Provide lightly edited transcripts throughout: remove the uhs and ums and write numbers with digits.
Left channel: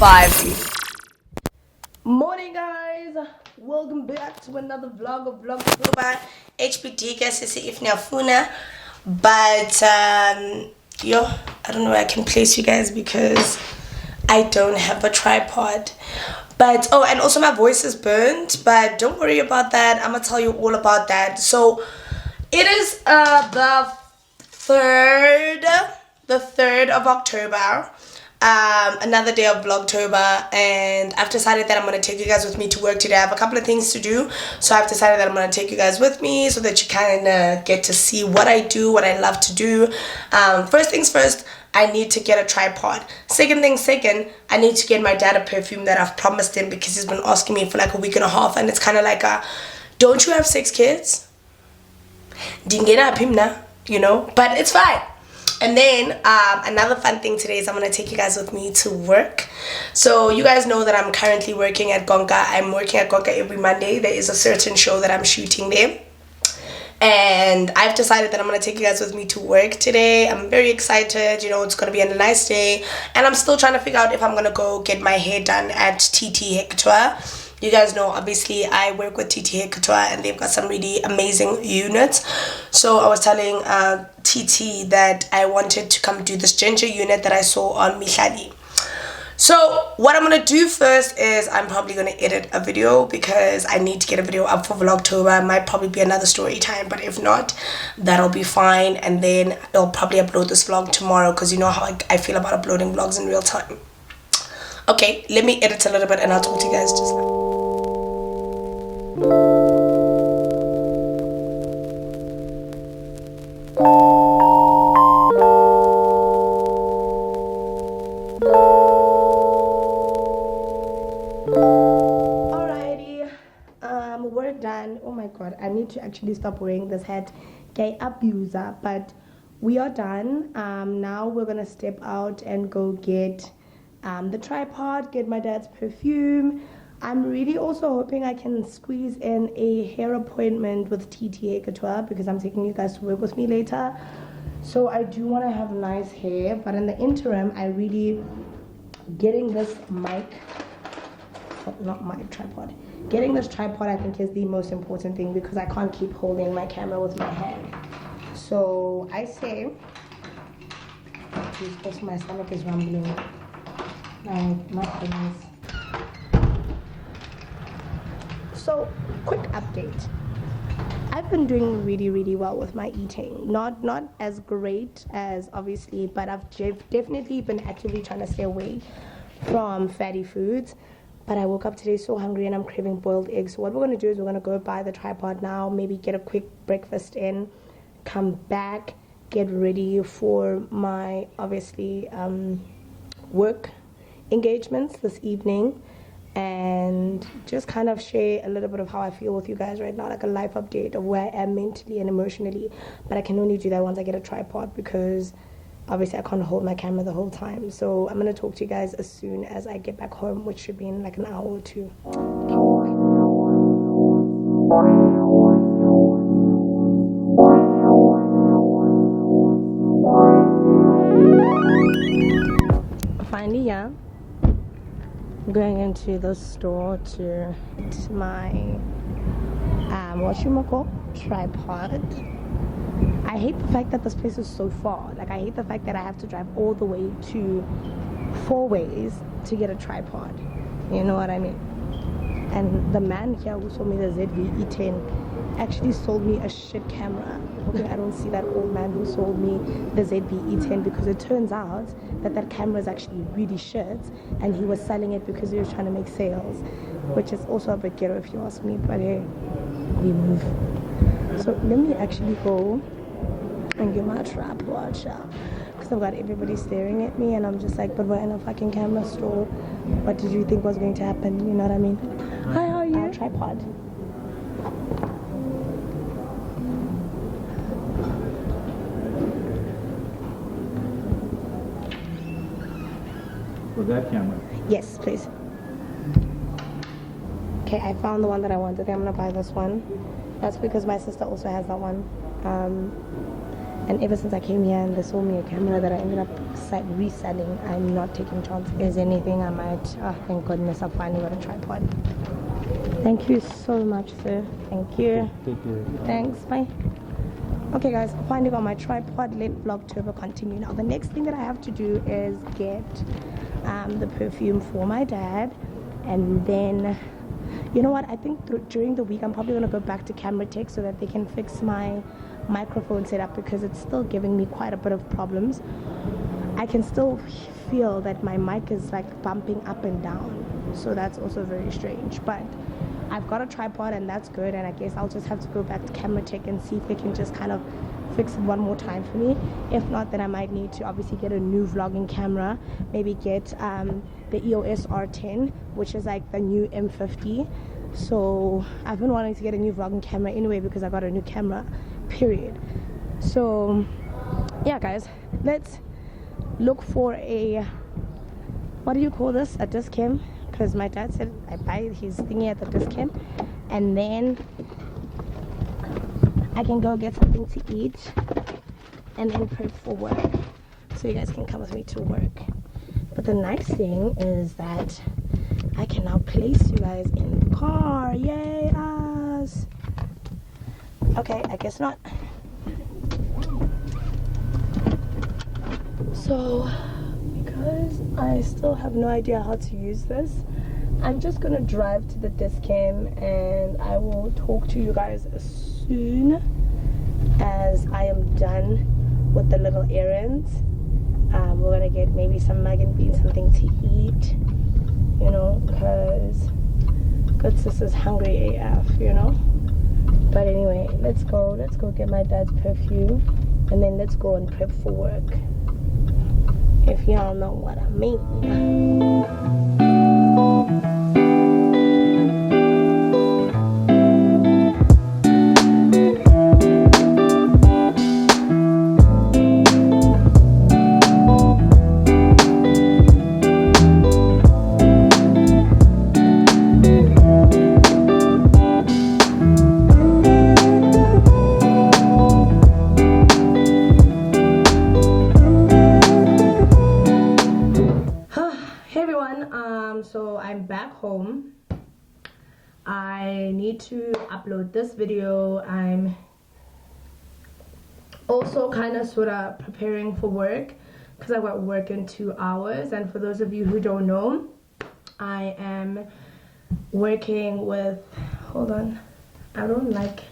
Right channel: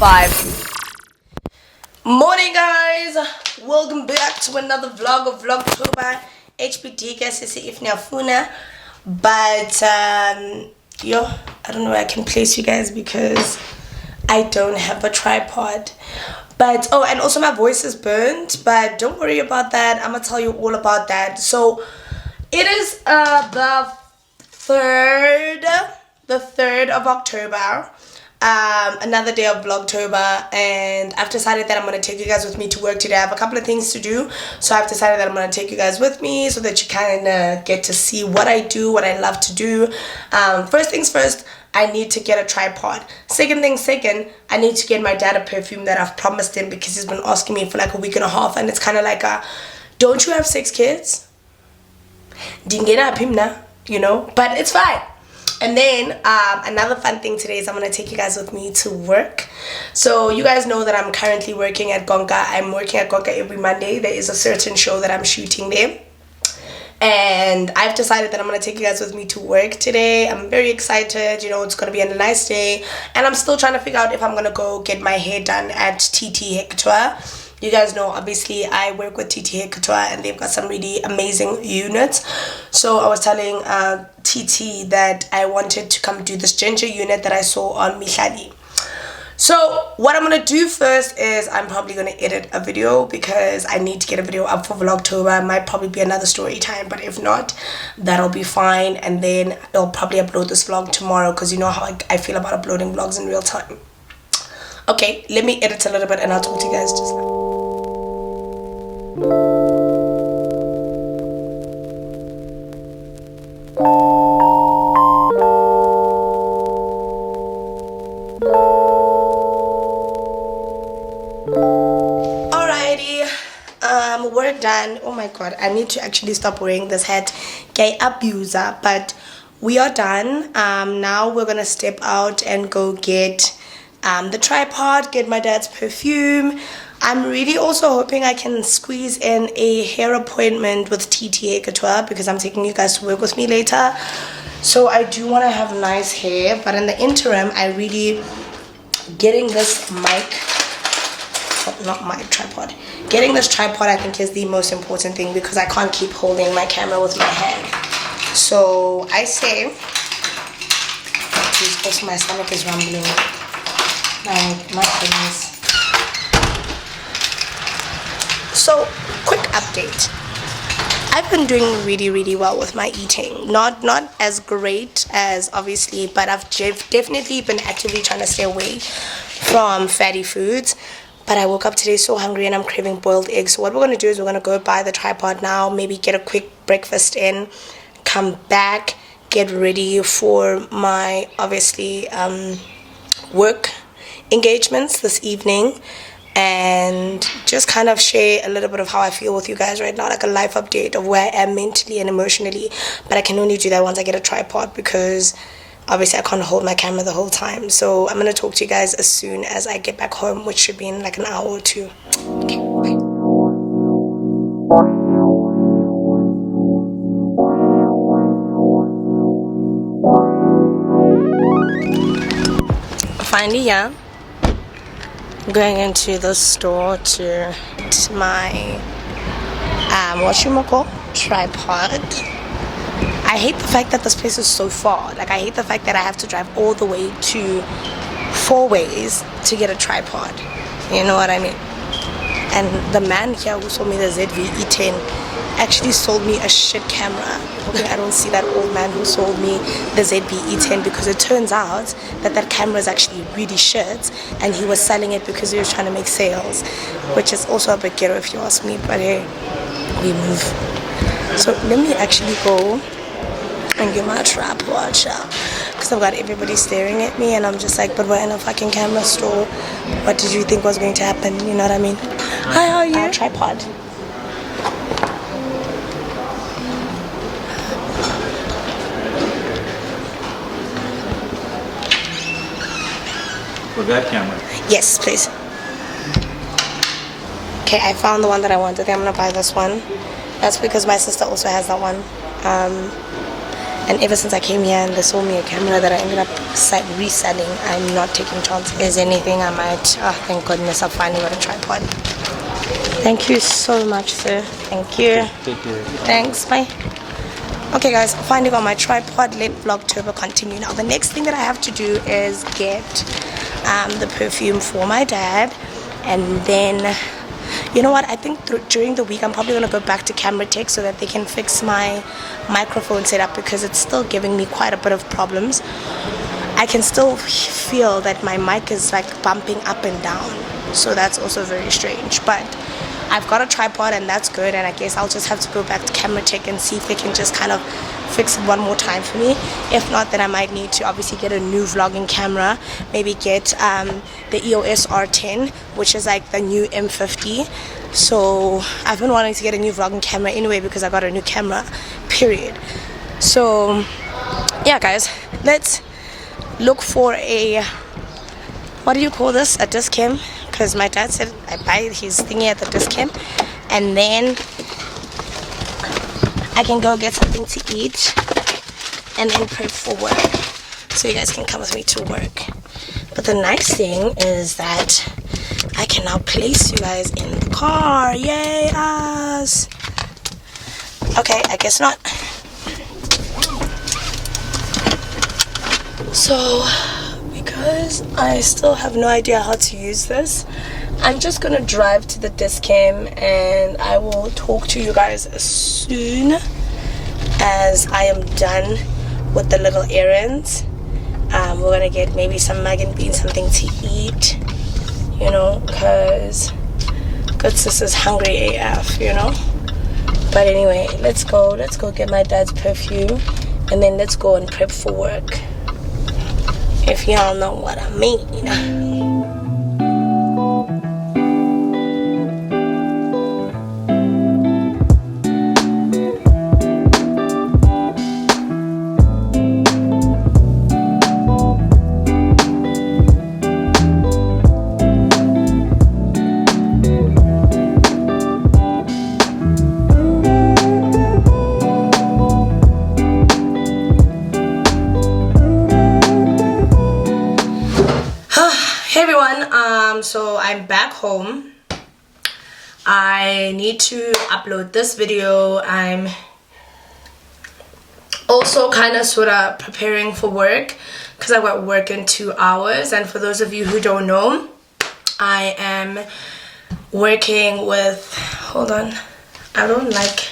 5. Morning guys, welcome back to another vlog of VLOGTOBER. HPD guys, if nyafuna, but yo, I don't know where I can place you guys because I don't have a tripod. But oh, and also my voice is burnt, but don't worry about that. I'm gonna tell you all about that. So it is the 3rd of October. Another day of Vlogtober, and I've decided that I'm going to take you guys with me to work today. I have a couple of things to do, so I've decided that I'm going to take you guys with me so that you kind of get to see what I do, what I love to do. First things first, I need to get a tripod. Second, I need to get my dad a perfume that I've promised him because he's been asking me for like a week and a half, and it's kind of like don't you have 6 kids? Dingena pimna, you know, but it's fine. And then another fun thing today is I'm going to take you guys with me to work. So you guys know that I'm currently working at Gonka. I'm working at Gonka every Monday. There is a certain show that I'm shooting there. And I've decided that I'm going to take you guys with me to work today. I'm very excited. You know, it's going to be a nice day. And I'm still trying to figure out if I'm going to go get my hair done at TT Hector. You guys know, obviously, I work with TT Hector and they've got some really amazing units. So I was telling TT that I wanted to come do this ginger unit that I saw on Naledi. So what I'm going to do first is I'm probably going to edit a video because I need to get a video up for Vlogtober. It might probably be another story time, but if not, that'll be fine. And then I'll probably upload this vlog tomorrow because you know how I feel about uploading vlogs in real time. Okay, let me edit a little bit and I'll talk to you guys just now. Alrighty, work done. Oh my god, I need to actually stop wearing this hat. Gay abuser, but we are done. Now we're gonna step out and go get the tripod, get my dad's perfume. I'm really also hoping I can squeeze in a hair appointment with TT Couture because I'm taking you guys to work with me later. So I do want to have nice hair, but in the interim, I really getting this tripod. Getting this tripod I think is the most important thing because I can't keep holding my camera with my hand. So I say, also my stomach is rumbling. My goodness. So, quick update. I've been doing really well with my eating. Not as great as obviously, but I've definitely been actively trying to stay away from fatty foods. But I woke up today so hungry and I'm craving boiled eggs. So what we're going to do is we're going to go buy the tripod now, maybe get a quick breakfast in, come back, get ready for my obviously work engagements this evening, and just kind of share a little bit of how I feel with you guys right now, like a life update of where I am mentally and emotionally. But I can only do that once I get a tripod because obviously I can't hold my camera the whole time. So I'm going to talk to you guys as soon as I get back home, which should be in like an hour or two. Okay, bye. Finally, yeah. Going into the store to my tripod. I hate the fact that this place is so far. Like I hate the fact that I have to drive all the way to 4 ways to get a tripod. You know what I mean? And the man here who sold me the ZV-E10 actually sold me a shit camera. Okay, I don't see that old man who sold me the ZV-E10 because it turns out that camera is actually really shit and he was selling it because he was trying to make sales, which is also a bit ghetto if you ask me, but hey, we move. So let me actually go and get my tripod because I've got everybody staring at me and I'm just like, but we're in a fucking camera store. What did you think was going to happen? You know what I mean? Hi, how are you? Tripod. For that camera? Yes, please. Okay, I found the one that I wanted. I think I'm gonna buy this one. That's because my sister also has that one. And ever since I came here and they sold me a camera that I ended up reselling, I'm not taking chances. Is anything I might, oh thank goodness, I've finally got a tripod. Thank you so much, sir. Thank you. Take care. Thanks, bye. Okay guys, finally got my tripod. Let Vlogtober continue. Now the next thing that I have to do is get the perfume for my dad, and then you know what, I think during the week I'm probably going to go back to Camera Tech so that they can fix my microphone setup, because it's still giving me quite a bit of problems. I can still feel that my mic is like bumping up and down, so that's also very strange. But I've got a tripod and that's good, and I guess I'll just have to go back to Camera Tech and see if they can just kind of fix it one more time for me. If not, then I might need to obviously get a new vlogging camera, maybe get the EOS R10, which is like the new M50. So I've been wanting to get a new vlogging camera anyway because I got a new camera, period. So yeah guys, let's look for a, what do you call this, a disc cam, because my dad said I buy his thingy at the disc cam, and then I can go get something to eat and then prep for work, so you guys can come with me to work. But the nice thing is that I can now place you guys in the car. Yay us! Okay, I guess not. So because I still have no idea how to use this, I'm just gonna drive to the disc cam and I will talk to you guys as soon as I am done with the little errands. We're gonna get maybe some mug and beans, something to eat, you know, because good sis is hungry AF, you know. But anyway, let's go get my dad's perfume, and then let's go and prep for work, if y'all know what I mean. So I'm back home. I need to upload this video. I'm also kind of sort of preparing for work because I got work in 2 hours. And for those of you who don't know, I am working with, hold on, I don't like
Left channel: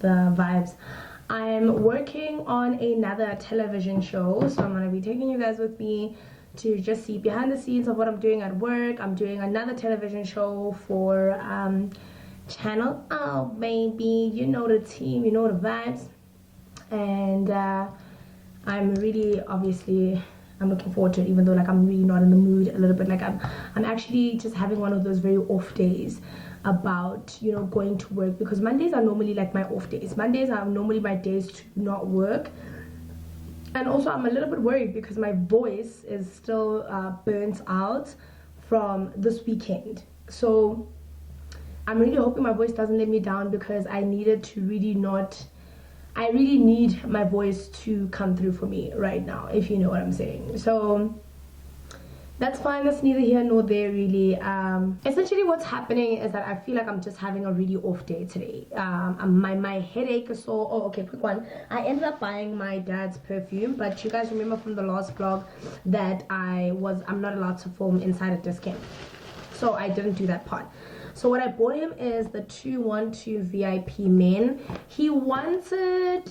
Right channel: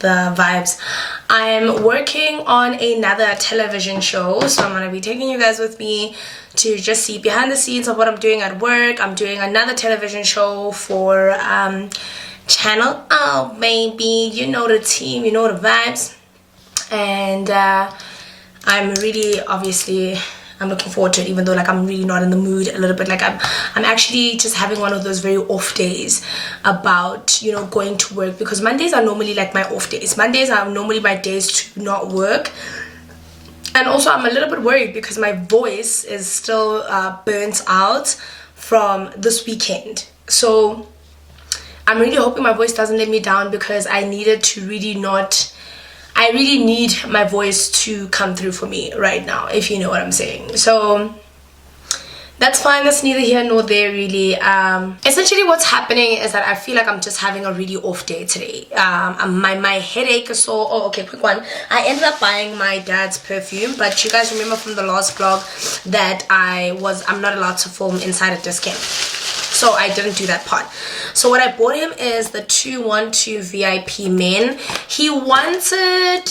the vibes. I'm working on another television show, so I'm going to be taking you guys with me to just see behind the scenes of what I'm doing at work. I'm doing another television show for Channel O, baby. You know the team, you know the vibes. And I'm really, obviously, I'm looking forward to it, even though like I'm really not in the mood a little bit. Like I'm actually just having one of those very off days about, you know, going to work, because Mondays are normally like my off days. Mondays are normally my days to not work. And also I'm a little bit worried because my voice is still burnt out from this weekend. So I'm really hoping my voice doesn't let me down, because I needed to really not, I really need my voice to come through for me right now, if you know what I'm saying. So that's fine, that's neither here nor there really. Essentially what's happening is that I feel like I'm just having a really off day today. My headache is so, oh okay, quick one. I ended up buying my dad's perfume, but you guys remember from the last vlog that I'm not allowed to film inside a disc cam. So I didn't do that part. So what I bought him is the 212 VIP Men. He wanted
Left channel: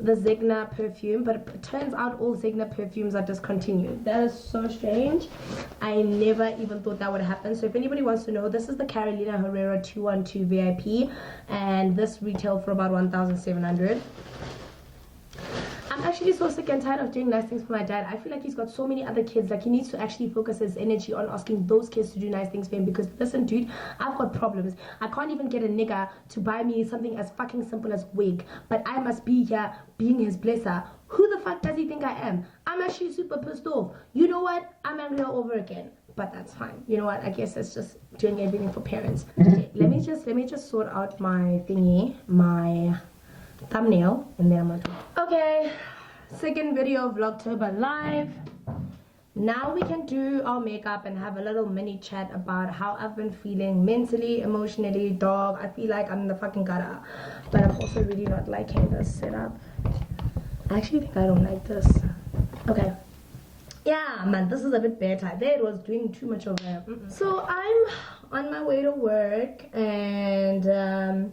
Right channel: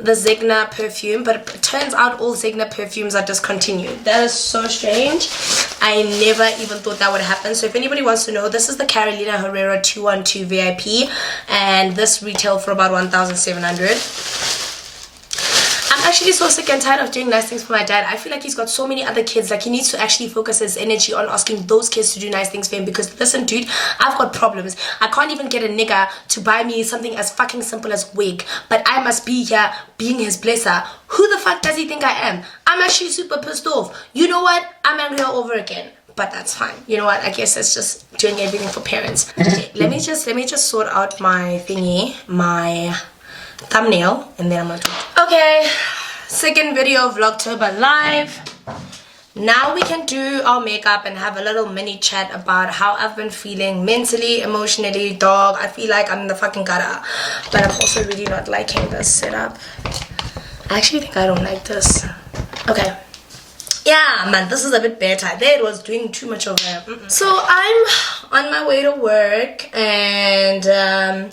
the Zegna perfume, but it turns out all Zegna perfumes are discontinued. That is so strange. I never even thought that would happen. So if anybody wants to know, this is the Carolina Herrera 212 VIP, and this retailed for about 1,700. I'm actually so sick and tired of doing nice things for my dad. I feel like he's got so many other kids. Like he needs to actually focus his energy on asking those kids to do nice things for him. Because listen dude, I've got problems. I can't even get a nigga to buy me something as fucking simple as wig. But I must be here being his blesser. Who the fuck does he think I am? I'm actually super pissed off. You know what? I'm angry all over again. But that's fine. You know what? I guess it's just doing everything for parents. Okay, let me just sort out my thingy. My thumbnail, and then I'm gonna talk. Okay, second video of Vlogtober live. Now we can do our makeup and have a little mini chat about how I've been feeling mentally, emotionally. Dog, I feel like I'm in the fucking gutter, but I'm also really not liking this setup. I actually think I don't like this. Okay. Yeah, man, this is a bit better. That was doing too much of a... So I'm on my way to work, and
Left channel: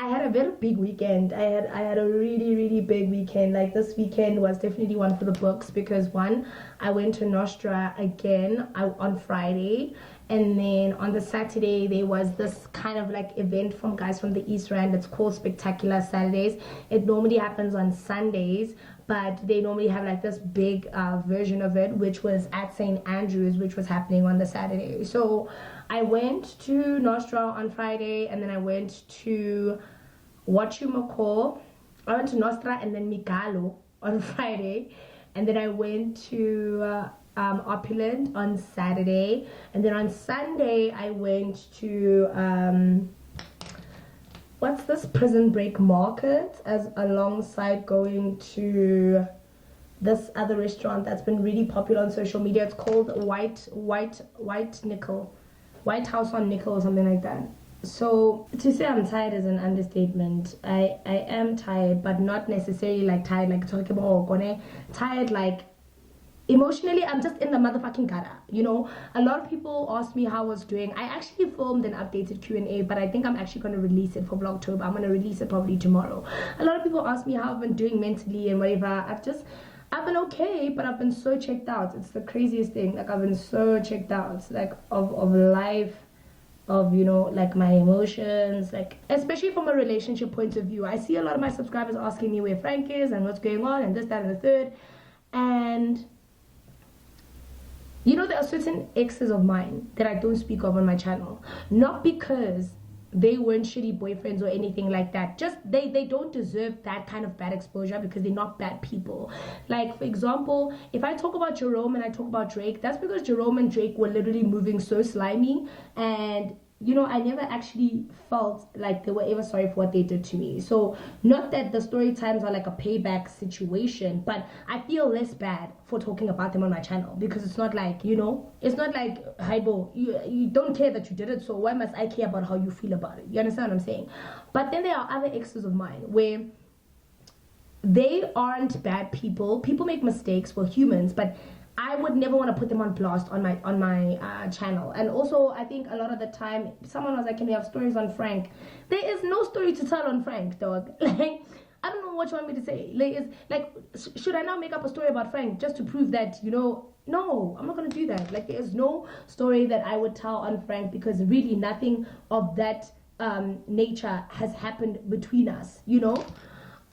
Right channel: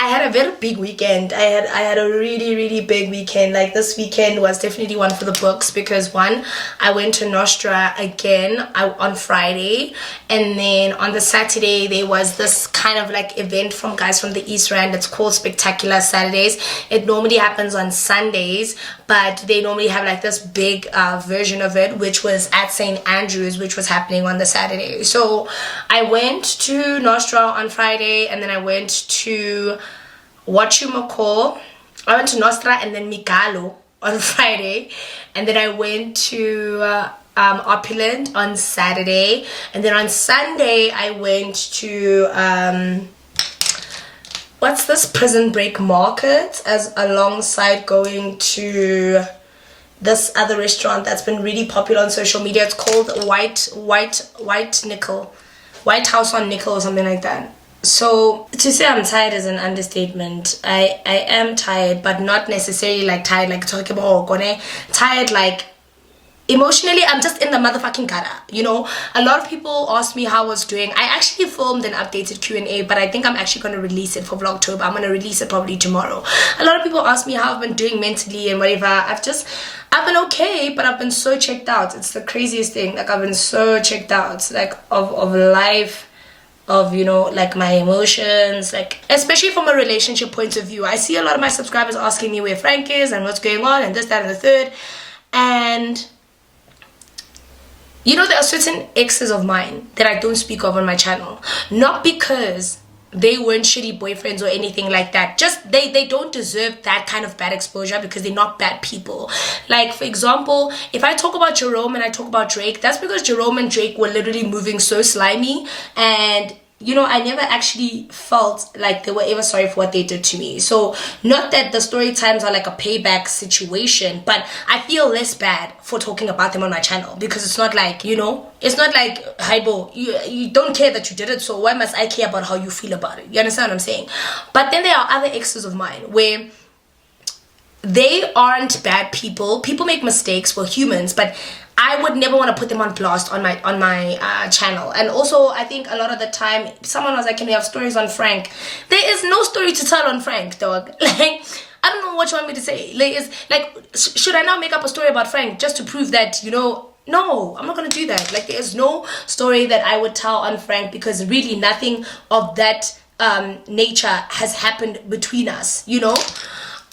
I had a very big weekend. I had a really big weekend. Like, this weekend was definitely one for the books, because one, I went to Nostra again on Friday, and then on the Saturday there was this kind of like event from guys from the East Rand. It's called Spectacular Saturdays. It normally happens on Sundays, but they normally have like this big version of it, which was at St. Andrews, which was happening on the Saturday. So I went to Nostra on Friday, and then I went to I went to Nostra and then Migalo on Friday, and then I went to Opulent on Saturday, and then on Sunday I went to what's this, Prison Break Market, as alongside going to this other restaurant that's been really popular on social media. It's called White House on Nickel or something like that. So to say I'm tired is an understatement. I am tired, but not necessarily like tired like talking about tired like emotionally. I'm just in the motherfucking gutter, you know. A lot of people asked me how I was doing. I actually filmed an updated Q&A, but I think I'm actually going to release it for Vlogtober. I'm going to release it probably tomorrow. A lot of people asked me how I've been doing mentally and whatever. I've been okay, but I've been so checked out. It's the craziest thing. Like, I've been so checked out, like, of life, of, you know, like my emotions, like, especially from a relationship point of view. I see a lot of my subscribers asking me where Frank is and what's going on and this, that, and the third. And you know, there are certain exes of mine that I don't speak of on my channel, not because they weren't shitty boyfriends or anything like that. Just they don't deserve that kind of bad exposure, because they're not bad people. Like, for example, if I talk about Jerome and I talk about Drake, that's because Jerome and Drake were literally moving so slimy, and you know, I never actually felt like they were ever sorry for what they did to me. So not that the story times are like a payback situation, but I feel less bad for talking about them on my channel, because it's not like, you know, it's not like, Haibo, you don't care that you did it, so why must I care about how you feel about it? You understand what I'm saying? But then there are other exes of mine where they aren't bad people. People make mistakes, we're humans, but I would never want to put them on blast on my channel. And also, I think a lot of the time, someone was like, can we have stories on Frank? There is no story to tell on Frank, dog. Like, I don't know what you want me to say. Should I now make up a story about Frank just to prove that, you know? No, I'm not going to do that. Like, there is no story that I would tell on Frank, because really nothing of that nature has happened between us, you know?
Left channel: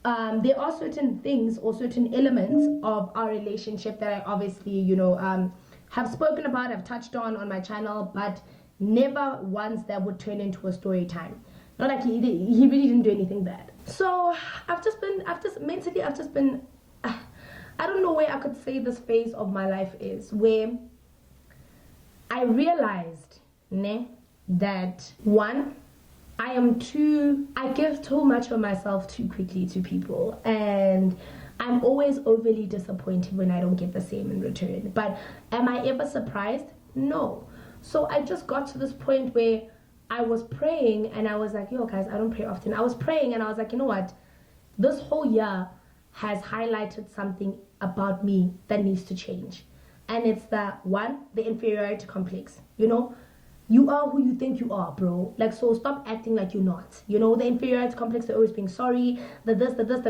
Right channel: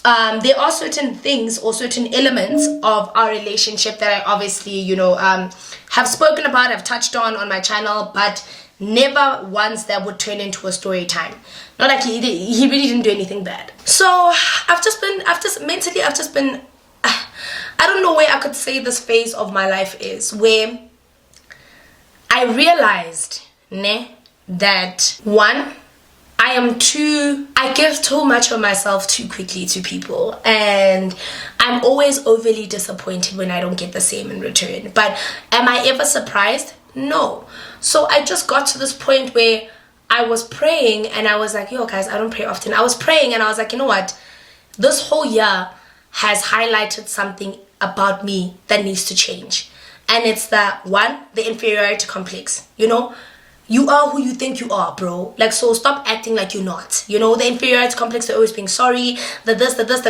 There are certain things or certain elements of our relationship that I obviously, you know, have spoken about, have touched on my channel, but never once that would turn into a story time. Not like he really didn't do anything bad. So I've just been, I don't know where I could say this phase of my life is, where I realized, that one, I give too much of myself too quickly to people, and I'm always overly disappointed when I don't get the same in return. But am I ever surprised? No. So I just got to this point where I was praying, and I was like, yo guys, I don't pray often. I was praying and I was like, you know what? This whole year has highlighted something about me that needs to change. And it's the inferiority complex, you know? You are who you think you are, bro. Like, so stop acting like you're not. You know, the inferiority complex, they're always being sorry, they're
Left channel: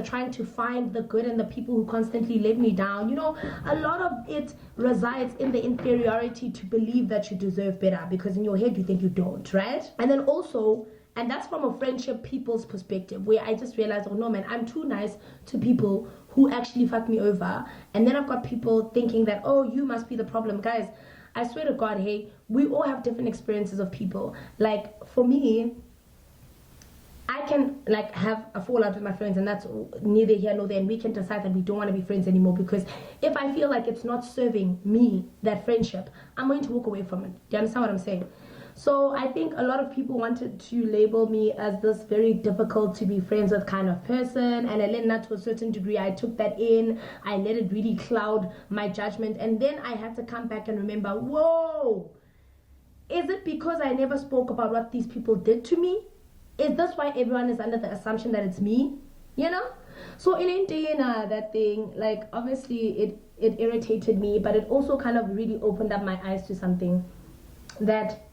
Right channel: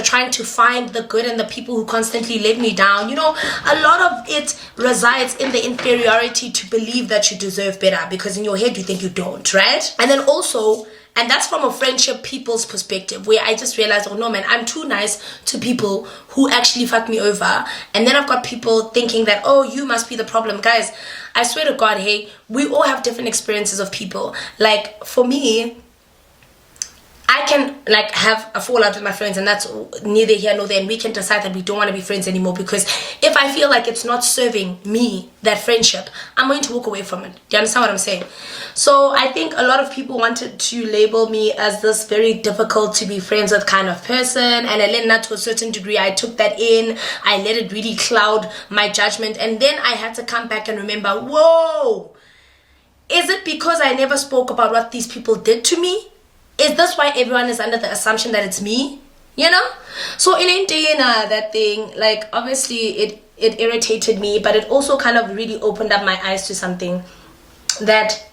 trying to find the good in the people who constantly let me down. You know, a lot of it resides in the inferiority to believe that you deserve better, because in your head you think you don't, right? And then also, and that's from a friendship people's perspective, where I just realized, oh no man, I'm too nice to people who actually fuck me over. And then I've got people thinking that, oh, you must be the problem. Guys, I swear to God, hey, we all have different experiences of people. Like, for me, I can like have a fallout with my friends, and that's neither here nor there, and we can decide that we don't want to be friends anymore, because if I feel like it's not serving me, that friendship, I'm going to walk away from it. Do you understand what I'm saying? So I think a lot of people wanted to label me as this very difficult to be friends with kind of person, and I let that to a certain degree. I took that in, I let it really cloud my judgment, and then I had to come back and remember, whoa, is it because I never spoke about what these people did to me? Is this why everyone is under the assumption that it's me? You know? So in Indiana, that thing, like, obviously it irritated me, but it also kind of really opened up my eyes to something, that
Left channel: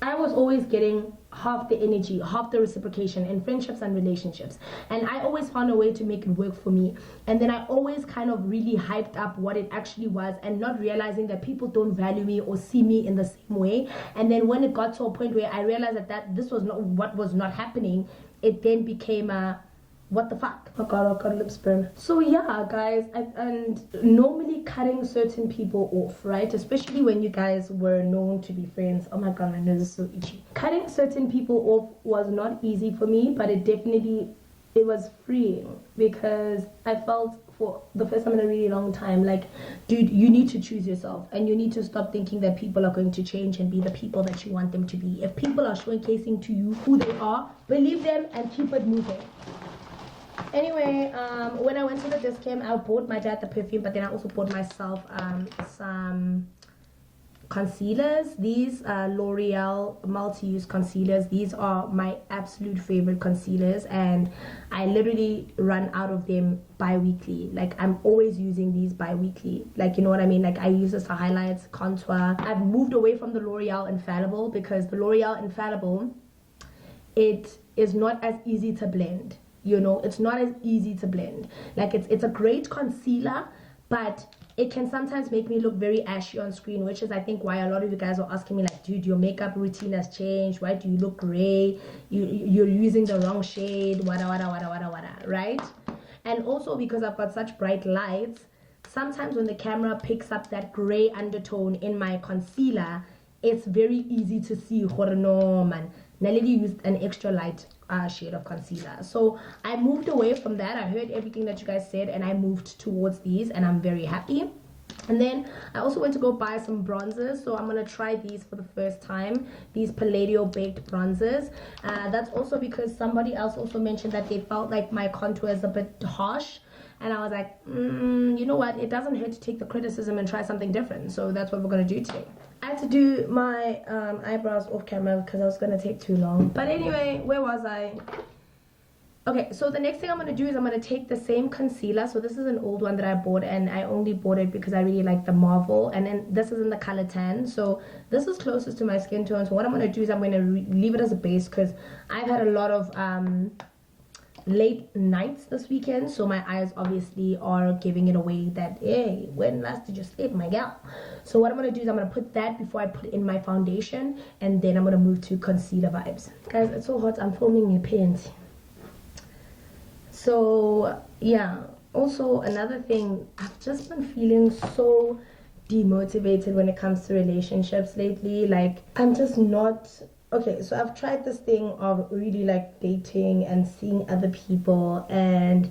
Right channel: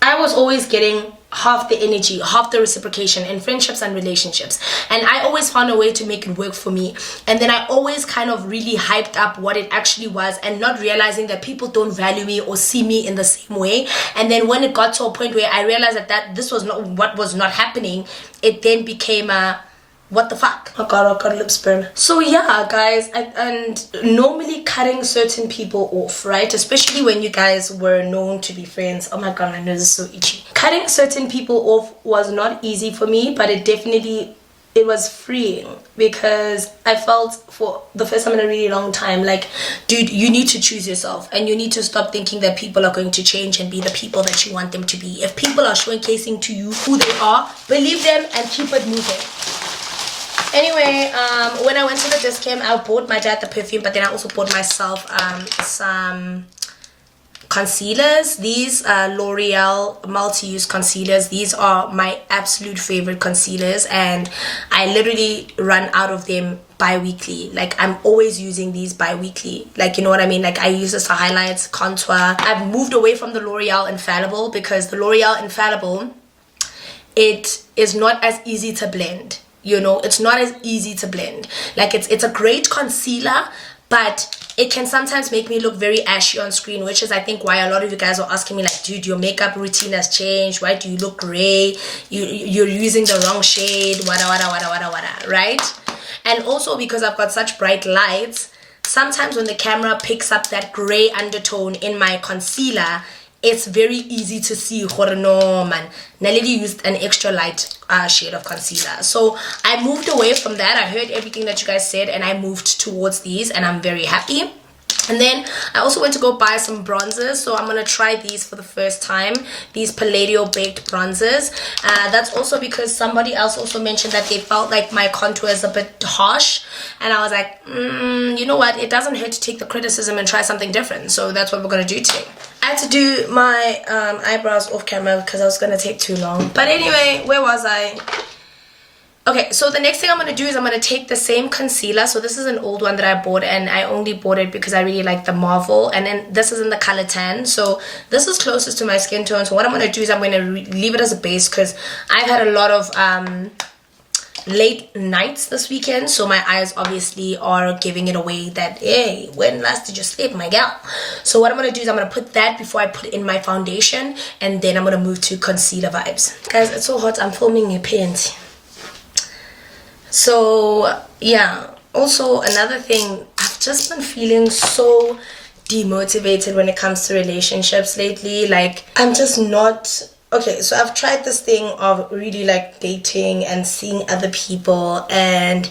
I was always getting half the energy, half the reciprocation in friendships and relationships, and I always found a way to make it work for me. And then I always kind of really hyped up what it actually was, and not realizing that people don't value me or see me in the same way. And then when it got to a point where I realized that this was not what was not happening, it then became a what the fuck? Oh god, lip burn. So yeah, guys, and normally cutting certain people off, right? Especially when you guys were known to be friends. Oh my god, my nose is so itchy. Cutting certain people off was not easy for me, but it was freeing, because I felt for the first time in a really long time, like, dude, you need to choose yourself, and you need to stop thinking that people are going to change and be the people that you want them to be. If people are showcasing to you who they are, believe them and keep it moving. Anyway, when I went to the discount, I bought my dad the perfume, but then I also bought myself some concealers. These are L'Oreal multi-use concealers. These are my absolute favorite concealers, and I literally run out of them bi-weekly. Like, I'm always using these bi-weekly, like, you know what I mean? Like, I use this for highlights, contour. I've moved away from the L'Oreal Infallible, because the L'Oreal Infallible, it is not as easy to blend. You know, it's not as easy to blend. Like, it's a great concealer, but it can sometimes make me look very ashy on screen, which is, I think, why a lot of you guys are asking me, like, dude, your makeup routine has changed. Why do you look gray? You're using the wrong shade, wada, right? And also because I've got such bright lights, sometimes when the camera picks up that gray undertone in my concealer, it's very easy to see. No, man, Naledi used an extra light shade of concealer. So I moved away from that. I heard everything that you guys said, and I moved towards these, and I'm very happy. And then I also went to go buy some bronzers, so I'm gonna try these for the first time, these Palladio baked bronzers. That's also because somebody else also mentioned that they felt like my contour is a bit harsh, and I was like, you know what, it doesn't hurt to take the criticism and try something different. So that's what we're gonna do today. I had to do my eyebrows off camera because I was gonna take too long. But anyway, where was I? Okay, so the next thing I'm going to do is I'm going to take the same concealer. So this is an old one that I bought, and I only bought it because I really like the Marvel. And then this is in the color tan. So this is closest to my skin tone. So what I'm going to do is I'm going to leave it as a base, because I've had a lot of late nights this weekend. So my eyes obviously are giving it away that, hey, when last did you sleep, my gal? So what I'm going to do is I'm going to put that before I put in my foundation. And then I'm going to move to concealer vibes. Guys, it's so hot. I'm filming your pants. So yeah, also another thing, I've just been feeling so demotivated when it comes to relationships lately. Like, I'm just not okay. So I've tried this thing of really like dating and seeing other people, and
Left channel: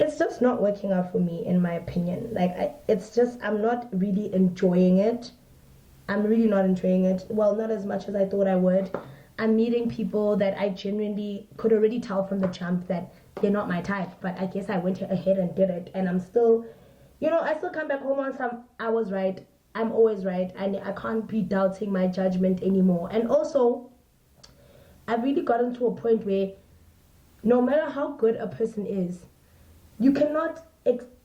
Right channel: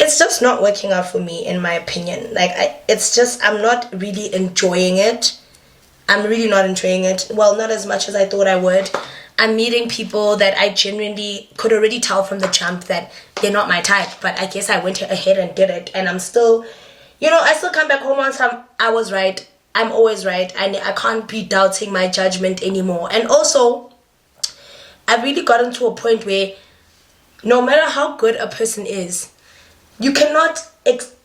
it's just not working out for me, in my opinion. Like, I'm not really enjoying it. I'm really not enjoying it. Well, not as much as I thought I would. I'm meeting people that I genuinely could already tell from the jump that they're not my type, but I guess I went ahead and did it, and I'm still, you know, I still come back home on some, I was right, I'm always right, and I can't be doubting my judgment anymore. And also, I've really gotten to a point where no matter how good a person is, you cannot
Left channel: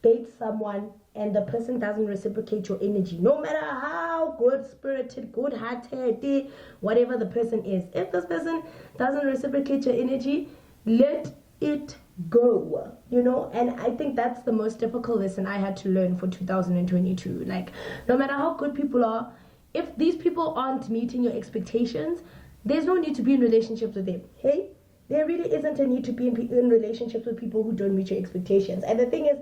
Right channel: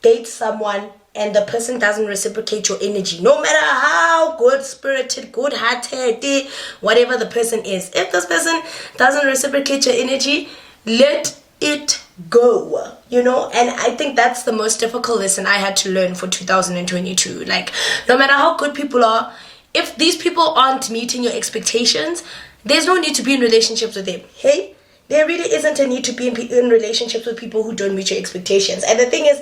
date someone and the person doesn't reciprocate your energy, no matter how good-spirited, good-hearted, whatever the person is. If this person doesn't reciprocate your energy, let it go, you know. And I think that's the most difficult lesson I had to learn for 2022. Like, no matter how good people are, if these people aren't meeting your expectations, there's no need to be in relationships with them. Hey, there really isn't a need to be in relationships with people who don't meet your expectations. And the thing is,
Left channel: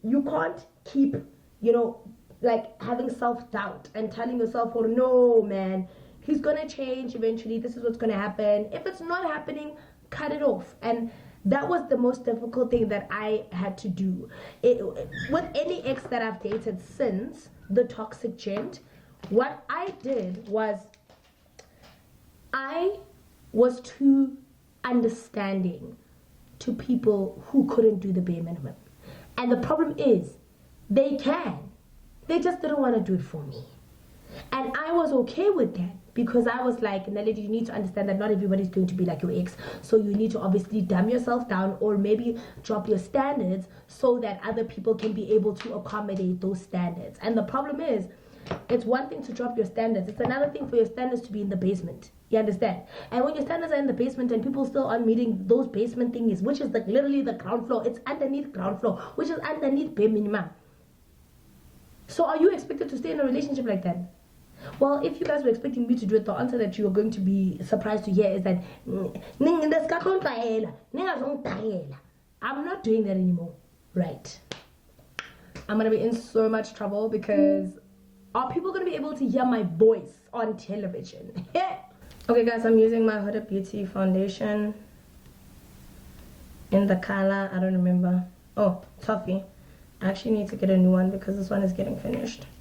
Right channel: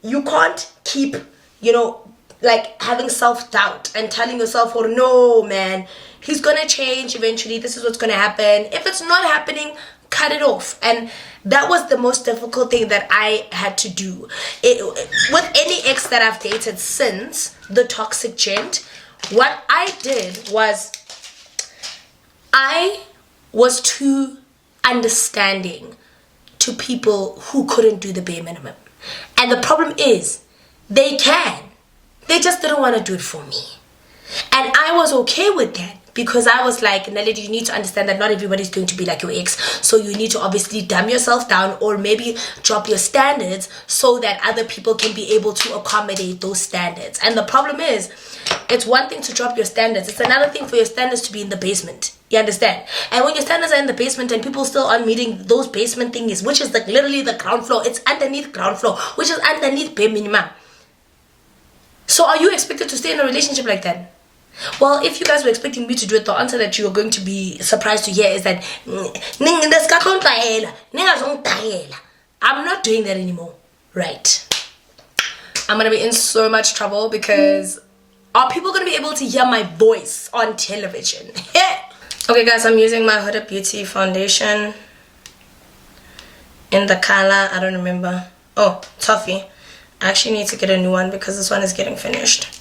you can't keep, you know, like having self-doubt and telling yourself, oh no, man, he's gonna change eventually, this is what's gonna happen. If it's not happening, cut it off. And that was the most difficult thing that I had to do. With any ex that I've dated since the toxic gent, what I did was I was too understanding to people who couldn't do the bare minimum. And the problem is, they just didn't want to do it for me. And I was okay with that, because I was like, Naledi, you need to understand that not everybody's going to be like your ex. So you need to obviously dumb yourself down, or maybe drop your standards so that other people can be able to accommodate those standards. And the problem is, it's one thing to drop your standards. It's another thing for your standards to be in the basement. You understand? And when your standards are in the basement and people still aren't meeting those basement thingies, which is like literally the ground floor. It's underneath ground floor, which is underneath bare minimum. So are you expected to stay in a relationship like that? Well, if you guys were expecting me to do it, the answer that you are going to be surprised to hear is that I'm not doing that anymore. Right. I'm going to be in so much trouble, because are people going to be able to hear my voice on television? Okay guys, I'm using my Huda Beauty foundation in the color, I don't remember. Oh, Toffee. I actually need to get a new one because this one is getting finished.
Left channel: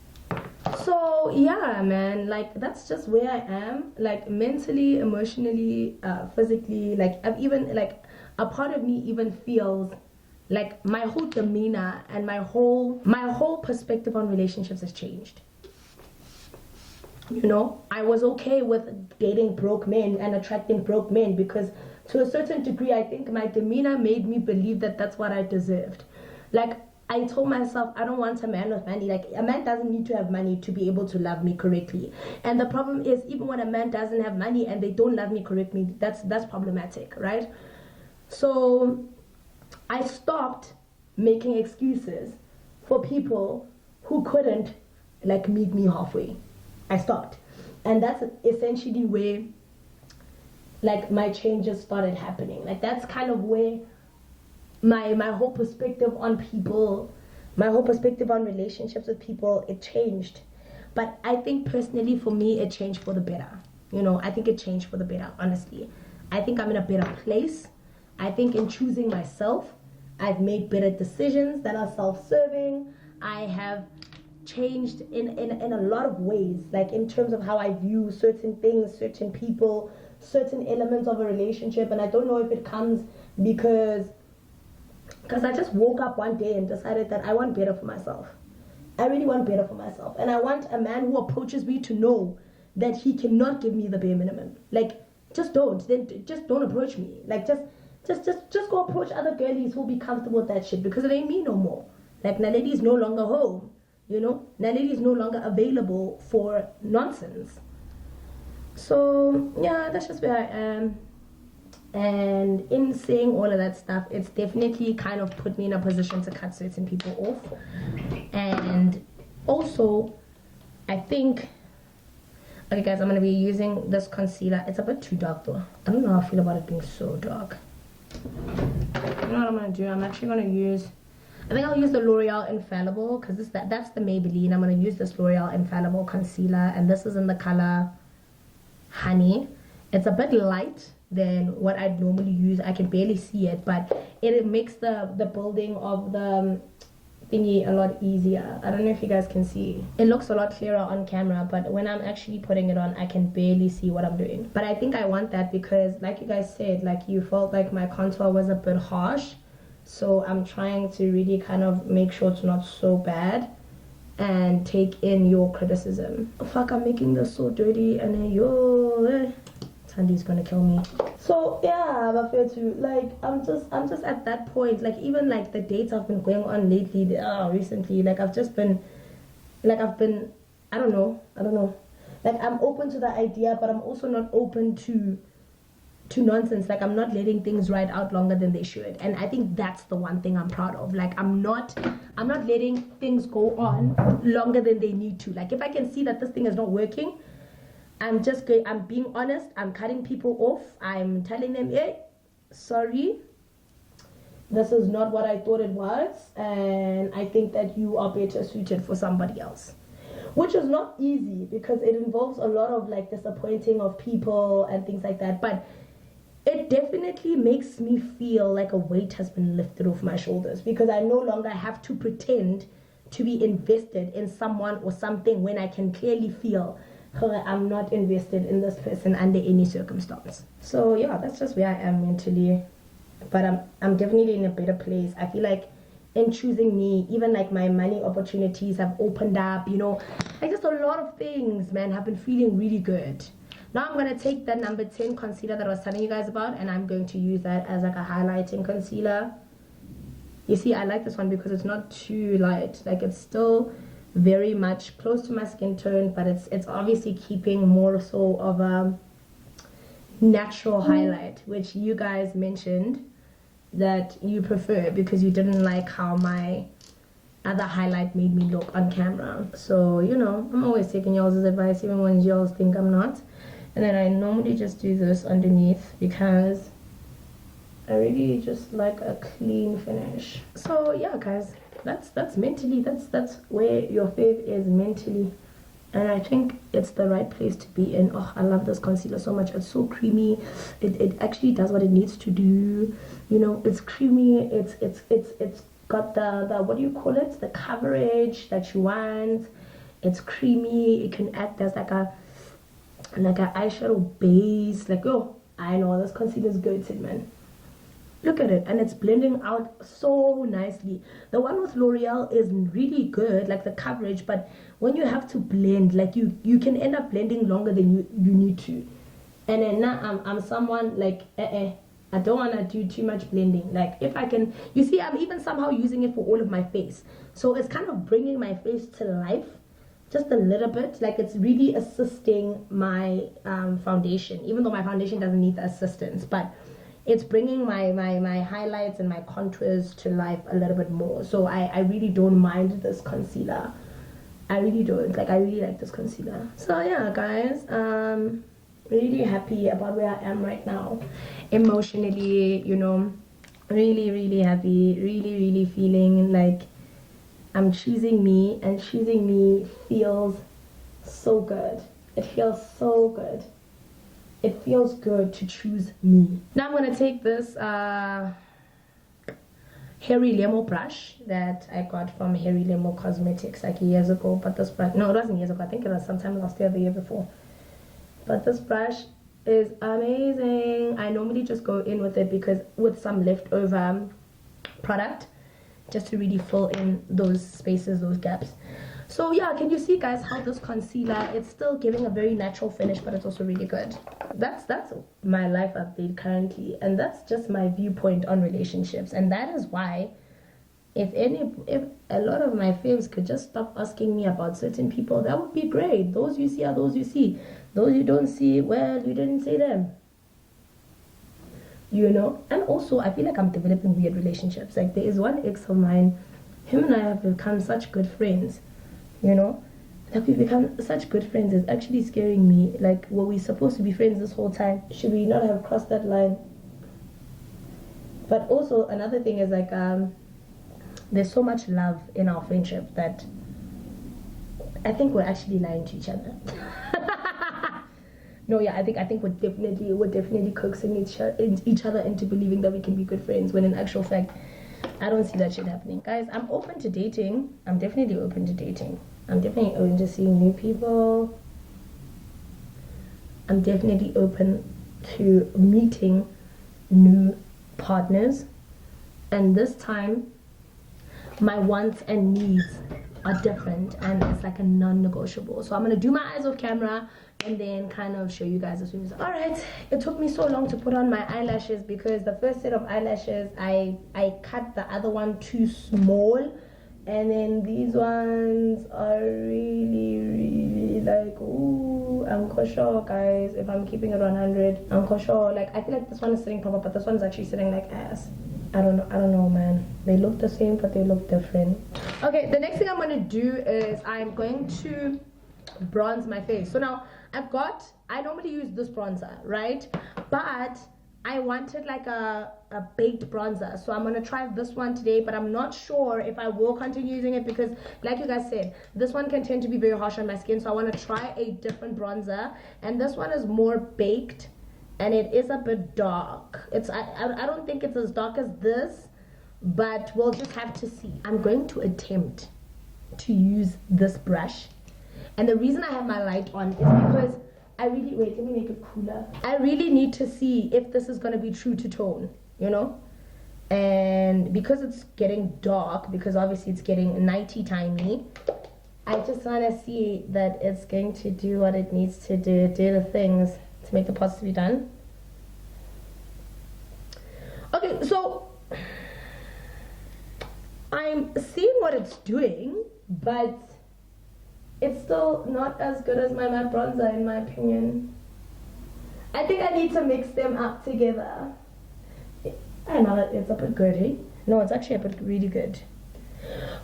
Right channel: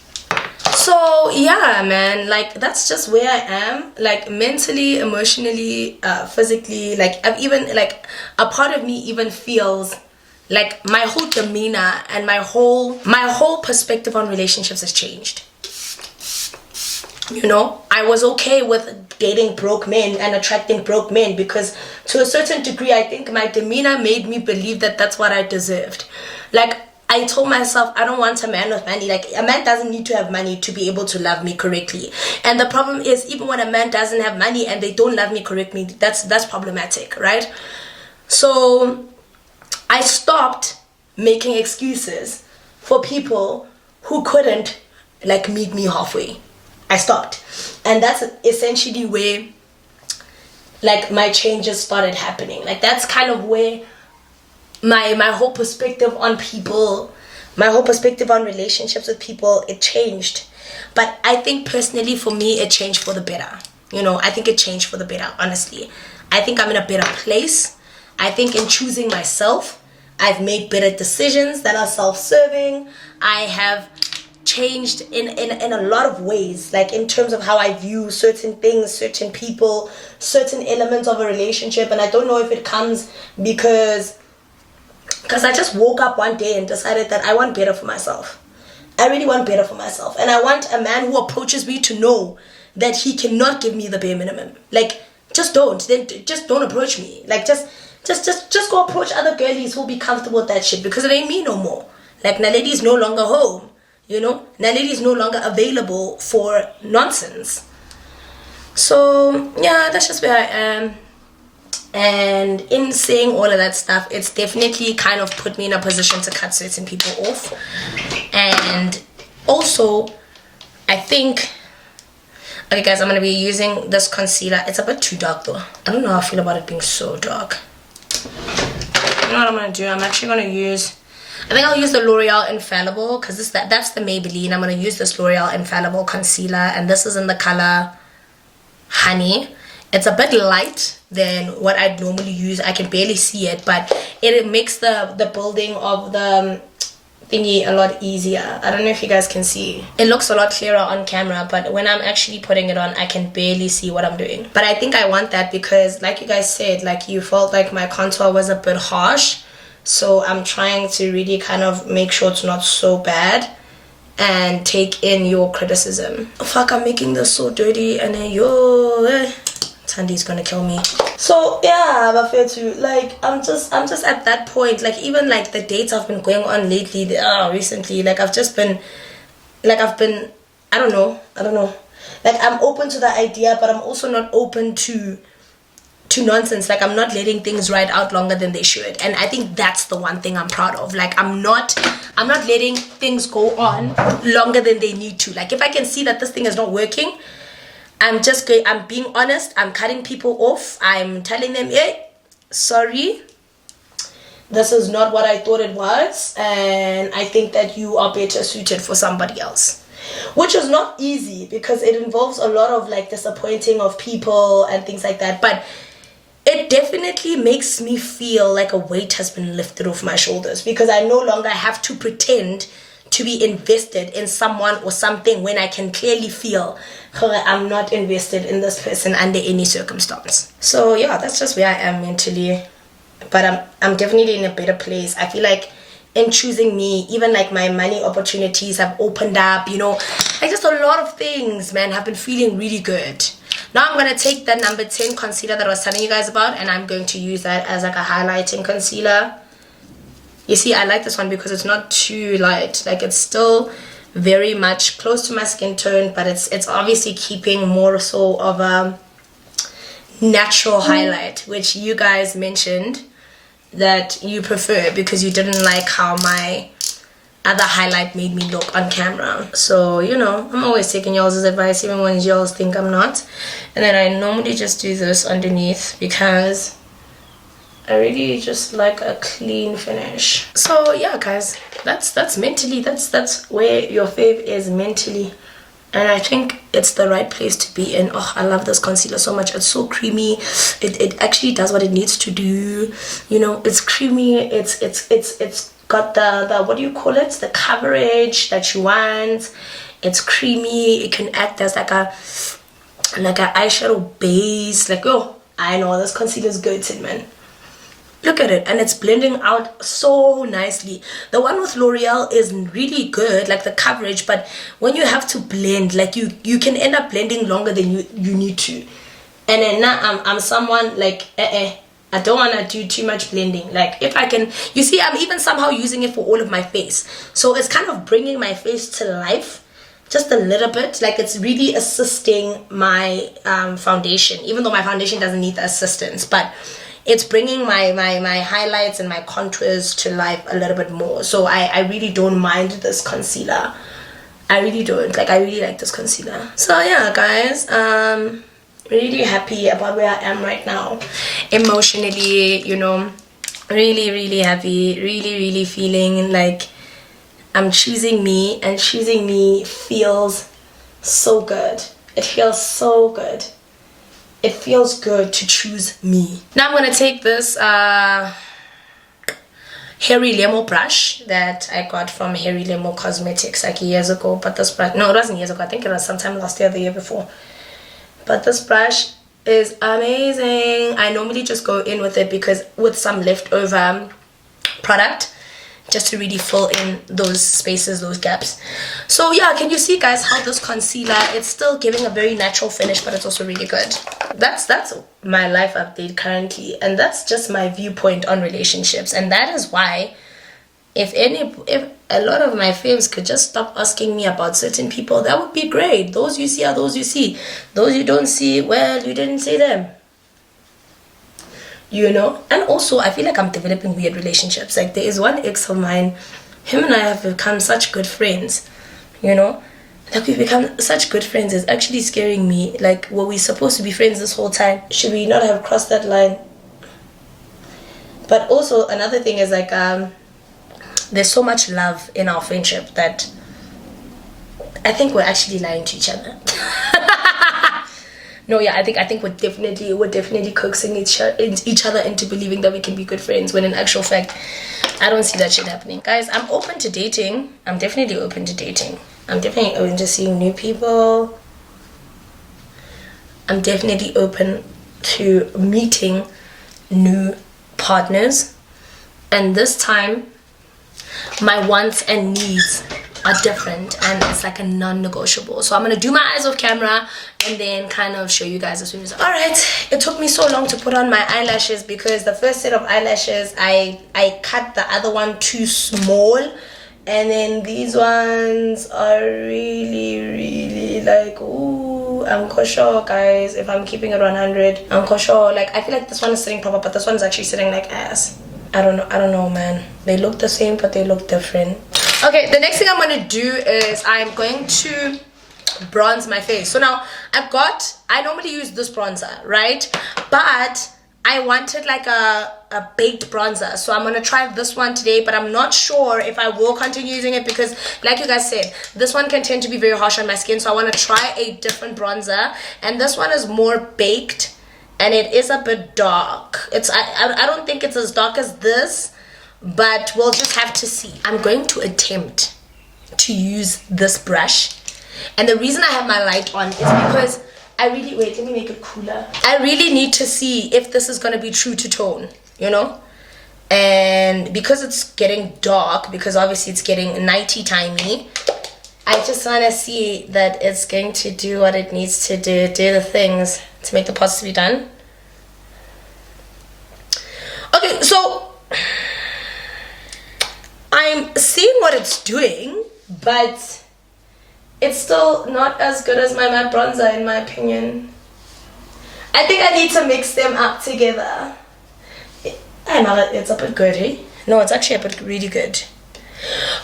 So yeah, man, like that's just where I am, like mentally, emotionally, physically. Like I've even, like, a part of me even feels like my whole demeanor and my whole perspective on relationships has changed. You know, I was okay with dating broke men and attracting broke men, because to a certain degree I think my demeanor made me believe that that's what I deserved. Like, I told myself, I don't want a man with money. Like, a man doesn't need to have money to be able to love me correctly. And the problem is, even when a man doesn't have money and they don't love me correctly, that's problematic, right? So I stopped making excuses for people who couldn't, like, meet me halfway. I stopped. And that's essentially where, like, my changes started happening. Like, that's kind of where my whole perspective on people, my whole perspective on relationships with people, it changed. But I think personally for me, it changed for the better. You know, I think it changed for the better, honestly. I think I'm in a better place. I think in choosing myself, I've made better decisions that are self-serving. I have changed in a lot of ways, like in terms of how I view certain things, certain people, certain elements of a relationship. And I don't know if it comes because I just woke up one day and decided that I want better for myself. I really want better for myself. And I want a man who approaches me to know that he cannot give me the bare minimum. Like, just don't approach me. Like, just go approach other girlies who'll be comfortable with that shit, because it ain't me no more. Like, Naledi is no longer home. You know, Naledi is no longer available for nonsense. So yeah, that's just where I am. And in saying all of that stuff, it's definitely kind of put me in a position to cut certain people off. And also, I think, okay guys, I'm going to be using this concealer. It's a bit too dark though. I don't know how I feel about it being so dark. You know what I'm going to do? I'm actually going to use, I think I'll use the L'Oreal Infallible, because that's the Maybelline. I'm going to use this L'Oreal Infallible concealer, and this is in the color Honey. It's a bit light than what I'd normally use. I can barely see it, but it makes the building of the thingy a lot easier. I don't know if you guys can see. It looks a lot clearer on camera, but when I'm actually putting it on, I can barely see what I'm doing. But I think I want that because, like you guys said, like you felt like my contour was a bit harsh. So I'm trying to really kind of make sure it's not so bad and take in your criticism. Oh, fuck, I'm making this so dirty, and then Tandy's gonna kill me. So yeah, but fair to, like, I'm just at that point. Like, even like the dates I've been going on lately, recently, like I've been I don't know, like I'm open to the idea, but I'm also not open to nonsense. Like, I'm not letting things ride out longer than they should, and I think that's the one thing I'm proud of. Like, I'm not letting things go on longer than they need to. Like, if I can see that this thing is not working, I'm being honest. I'm cutting people off. I'm telling them, hey, sorry, this is not what I thought it was, and I think that you are better suited for somebody else. Which is not easy because it involves a lot of like disappointing of people and things like that, but it definitely makes me feel like a weight has been lifted off my shoulders, because I no longer have to pretend to be invested in someone or something when I can clearly feel I'm not invested in this person under any circumstance. So yeah, that's just where I am mentally. But I'm definitely in a better place. I feel like in choosing me, even like my money opportunities have opened up, you know, like just a lot of things, man, have been feeling really good. Now I'm going to take that number 10 concealer that I was telling you guys about, and I'm going to use that as like a highlighting concealer. You see, I like this one because it's not too light. Like, it's still very much close to my skin tone, but it's obviously keeping more so of a natural highlight, which you guys mentioned that you prefer because you didn't like how my other highlight made me look on camera. So, you know, I'm always taking y'all's advice, even when y'all think I'm not. And then I normally just do this underneath because I really just like a clean finish. So yeah, guys, that's mentally, that's where your fave is mentally. And I think it's the right place to be in. Oh, I love this concealer so much. It's so creamy. It actually does what it needs to do. You know, it's creamy. It's got the what do you call it? The coverage that you want. It's creamy. It can act as like a eyeshadow base. Like, oh, I know this concealer is good, man. Look at it, and it's blending out so nicely. The one with L'Oreal is really good, like the coverage, but when you have to blend, like you can end up blending longer than you need to. And then now I'm someone like I don't want to do too much blending. Like, if I can, you see, I'm even somehow using it for all of my face, so it's kind of bringing my face to life just a little bit. Like, it's really assisting my foundation, even though my foundation doesn't need the assistance, but it's bringing my highlights and my contours to life a little bit more. So I really don't mind this concealer. I really don't. Like, I really like this concealer. So yeah, guys, really happy about where I am right now. Emotionally, you know, really happy. Really feeling like I'm choosing me, and choosing me feels so good. It feels so good. It feels good to choose me. Now I'm going to take this Hairy Lemo brush that I got from Hairy Lemo Cosmetics like years ago. But this brush, no, it wasn't years ago. I think it was sometime last year or the year before. But this brush is amazing. I normally just go in with it because with some leftover product, just to really fill in those spaces, those gaps. So yeah, can you see, guys, how this concealer, it's still giving a very natural finish, but it's also really good. That's my life update currently, and that's just my viewpoint on relationships. And that is why if a lot of my faves could just stop asking me about certain people, that would be great. Those you see are those you see. Those you don't see, well, you didn't see them. You know. And also, I feel like I'm developing weird relationships. Like, there is one ex of mine, him and I have become such good friends, you know. Like, we've become such good friends. It's actually scaring me. Like, were we supposed to be friends this whole time? Should we not have crossed that line? But also, another thing is, like, there's so much love in our friendship that I think we're actually lying to each other. No, yeah, I think we're definitely coaxing each other into believing that we can be good friends, when in actual fact, I don't see that shit happening. Guys, I'm open to dating. I'm definitely open to dating. I'm definitely open to seeing new people. I'm definitely open to meeting new partners. And this time, my wants and needs are different, and it's like a non-negotiable. So I'm gonna do my eyes off camera and then kind of show you guys as soon as. All right, it took me so long to put on my eyelashes because the first set of eyelashes I cut the other one too small, and then these ones are really like, ooh, I'm kosher, guys. If I'm keeping it 100, I'm kosher. Like, I feel like this one is sitting proper, but this one's actually sitting like ass. I don't know, man. They look the same, but they look different. Okay, the next thing I'm going to do is I'm going to bronze my face. So now I normally use this bronzer, right? But I wanted like a baked bronzer. So I'm going to try this one today, but I'm not sure if I will continue using it because, like you guys said, this one can tend to be very harsh on my skin. So I want to try a different bronzer. And this one is more baked. and it is a bit dark. I don't think it's as dark as this, but we'll just have to see. I'm going to attempt to use this brush, and the reason I have my light on is because I really, wait, let me make it cooler. I really need to see if this is going to be true to tone, you know? And because it's getting dark, because obviously it's getting nighty timey, I just want to see that it's going to do what it needs to do the things to make the pasta be done. Okay, so I'm seeing what it's doing, but it's still not as good as my matte bronzer in my opinion. I think I need to mix them up together. I know it's a bit good, hey? No, it's actually a bit really good.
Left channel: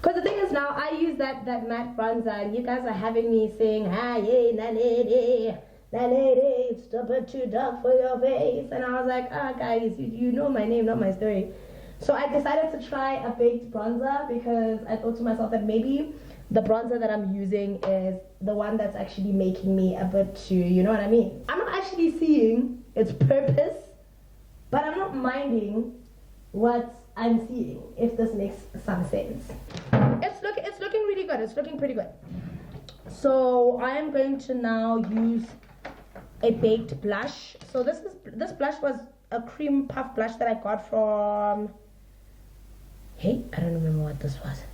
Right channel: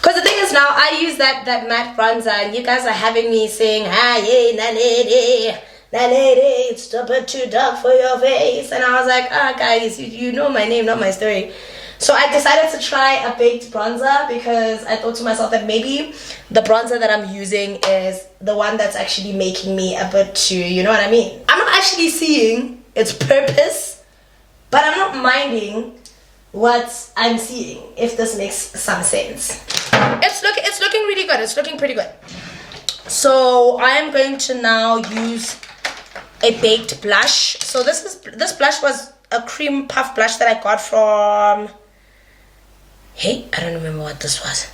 Because the thing is now, I use that matte bronzer and you guys are having me saying, ah, yeah, Naledi, it's a bit too dark for your face. And I was like, ah, guys, you know my name, not my story. So I decided to try a baked bronzer because I thought to myself that maybe the bronzer that I'm using is the one that's actually making me a bit too, you know what I mean? I'm not actually seeing its purpose, but I'm not minding what I'm seeing, if this makes some sense. It's looking really good. It's looking pretty good. So I am going to now use a baked blush. So this blush was a cream puff blush that I got from, hey, I don't remember what this was.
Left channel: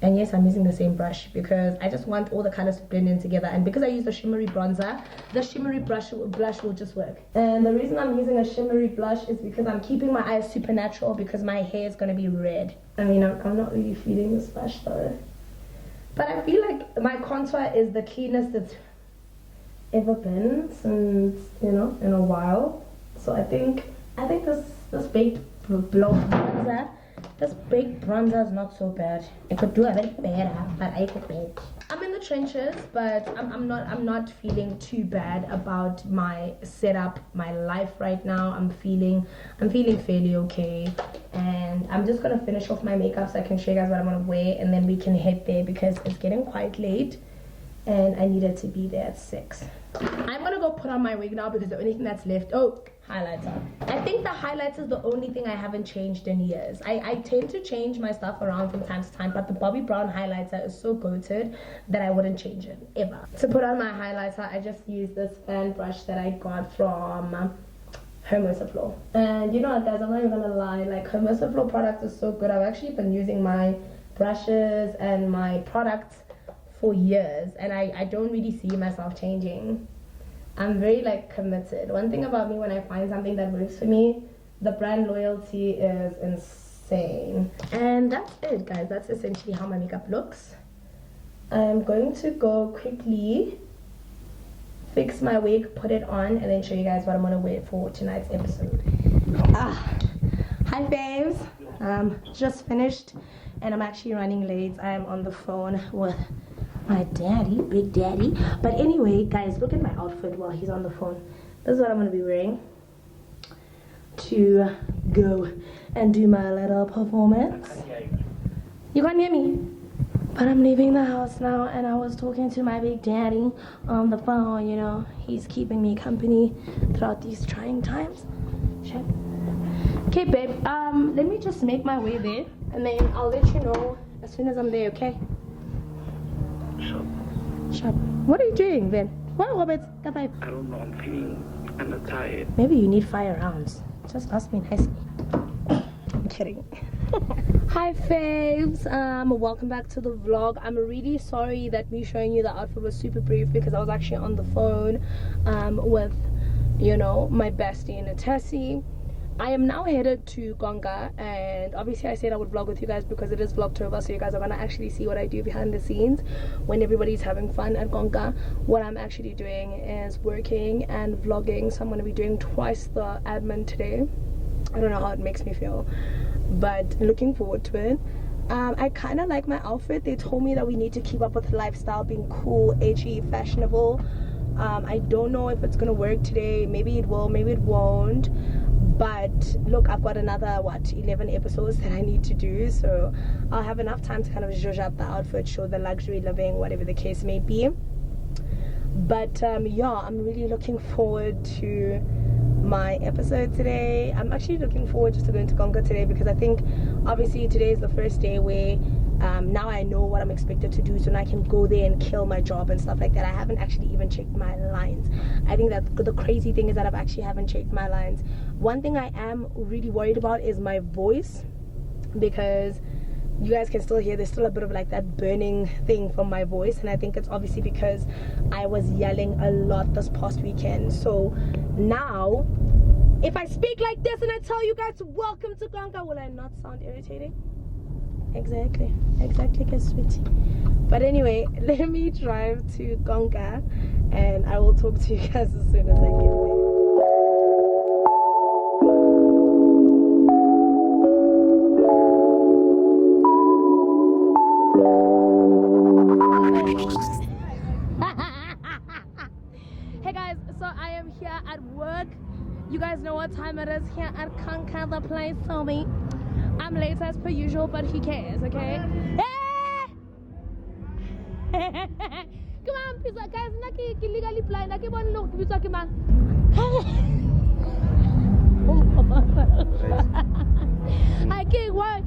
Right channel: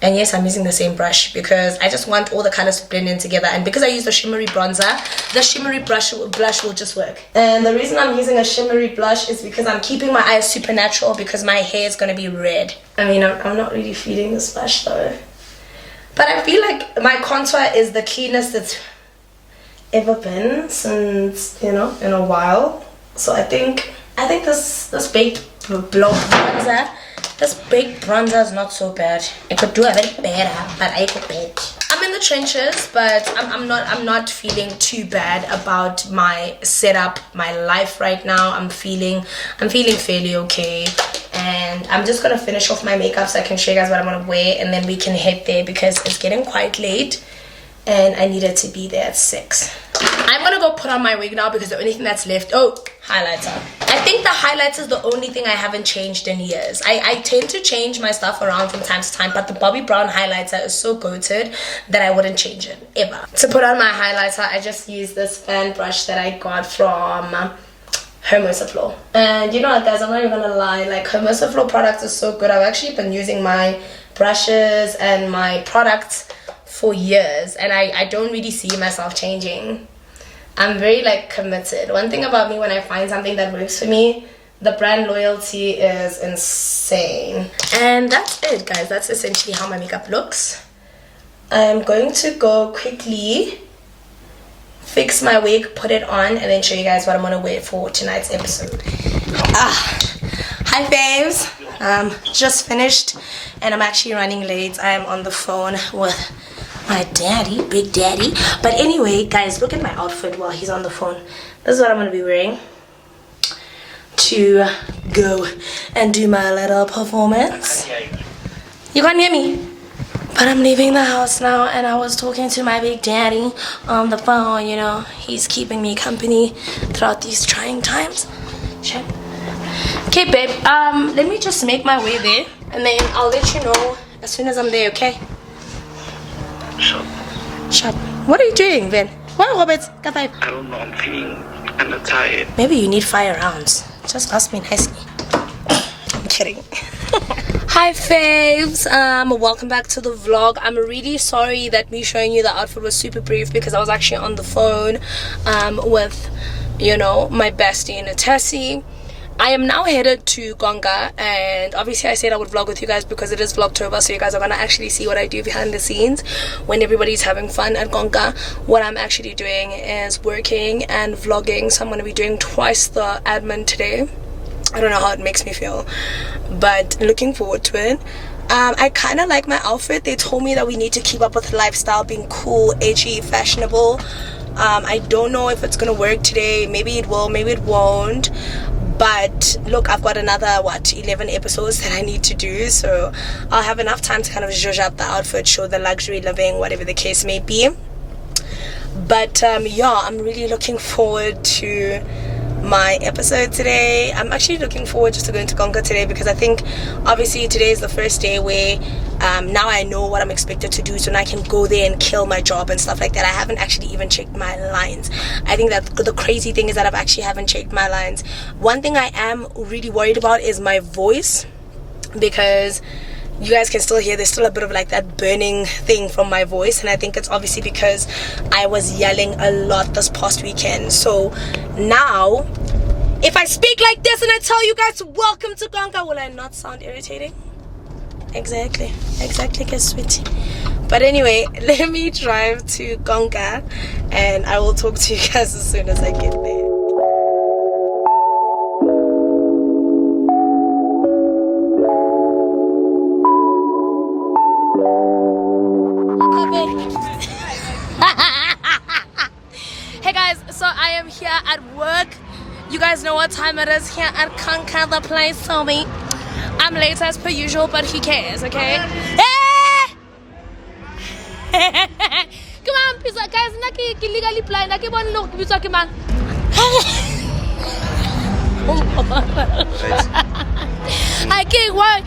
And yes, I'm using the same brush because I just want all the colors to blend in together. And because I use the shimmery bronzer, the shimmery blush will just work. And the reason I'm using a shimmery blush is because I'm keeping my eyes super natural because my hair is going to be red. I mean, I'm not really feeling this blush though. But I feel like my contour is the cleanest it's ever been since, you know, in a while. So I think this baked bronzer, this baked bronzer is not so bad. I could do a bit better, but I could bet. I'm in the trenches, but I'm not feeling too bad about my setup, my life right now. I'm feeling fairly okay. And I'm just gonna finish off my makeup so I can show you guys what I'm gonna wear, and then we can head there because it's getting quite late and I needed to be there at 6. I'm gonna go put on my wig now because the only thing that's left, oh, highlighter. I think the highlighter is the only thing I haven't changed in years. I tend to change my stuff around from time to time, but the Bobbi Brown highlighter is so goated that I wouldn't change it ever. To put on my highlighter, I just used this fan brush that I got from Hermosafloor. And you know what, guys, I'm not even gonna lie, like Hermosafloor products are so good. I've actually been using my brushes and my products for years, and I don't really see myself changing. I'm very like committed. One thing about me, when I find something that works for me, the brand loyalty is insane. And that's it, guys. That's essentially how my makeup looks. I'm going to go quickly fix my wig, put it on, and then show you guys what I'm gonna wear for tonight's episode. Hi faves, just finished and I'm actually running late. I am on the phone with my daddy, big daddy. But anyway, guys, look at my outfit while he's on the phone. This is what I'm gonna be wearing to go and do my little performance. You can't hear me, but I'm leaving the house now, and I was talking to my big daddy on the phone. You know, he's keeping me company throughout these trying times. Check. Okay, babe, let me just make my way there, and then I'll let you know as soon as I'm there, okay? Shut. What are you doing, Ben? What, Robert? I don't know, I'm feeling kind of tired. Maybe you need 5 rounds. Just ask me nicely. I'm kidding. Hi faves, welcome back to the vlog. I'm really sorry that me showing you the outfit was super brief because I was actually on the phone with, you know, my bestie Natessi. I am now headed to Gonga, and obviously I said I would vlog with you guys because it is Vlogtober, so you guys are gonna actually see what I do behind the scenes when everybody's having fun at Gonga. What I'm actually doing is working and vlogging, so I'm gonna be doing twice the admin today. I don't know how it makes me feel, but looking forward to it. I kind of like my outfit. They told me that we need to keep up with the lifestyle, being cool, edgy, fashionable. I don't know if it's gonna work today. Maybe it will, maybe it won't. But look, I've got another 11 episodes that I need to do, so I'll have enough time to kind of zhuzh up the outfit, show the luxury living, whatever the case may be. But yeah, I'm really looking forward to my episode today. I'm actually looking forward just to going to Conquer today, because I think obviously today is the first day where now I know what I'm expected to do, so now I can go there and kill my job and stuff like that. I haven't actually even checked my lines. I think that the crazy thing is that haven't checked my lines. One thing I am really worried about is my voice, because you guys can still hear there's still a bit of like that burning thing from my voice, and I think it's obviously because I was yelling a lot this past weekend. So now if I speak like this and I tell you guys welcome to Gonga, will I not sound irritating? Exactly, guys, sweetie. But anyway, let me drive to Gonga and I will talk to you guys as soon as I get there. Hey guys, so I am here at work. You guys know what time it is here at Conquer, the place. So me, I'm late as per usual, but who cares, okay? Hey! Come on, pizza guys, naki legally blind. Naki one look, pizza come on. I can't. Why?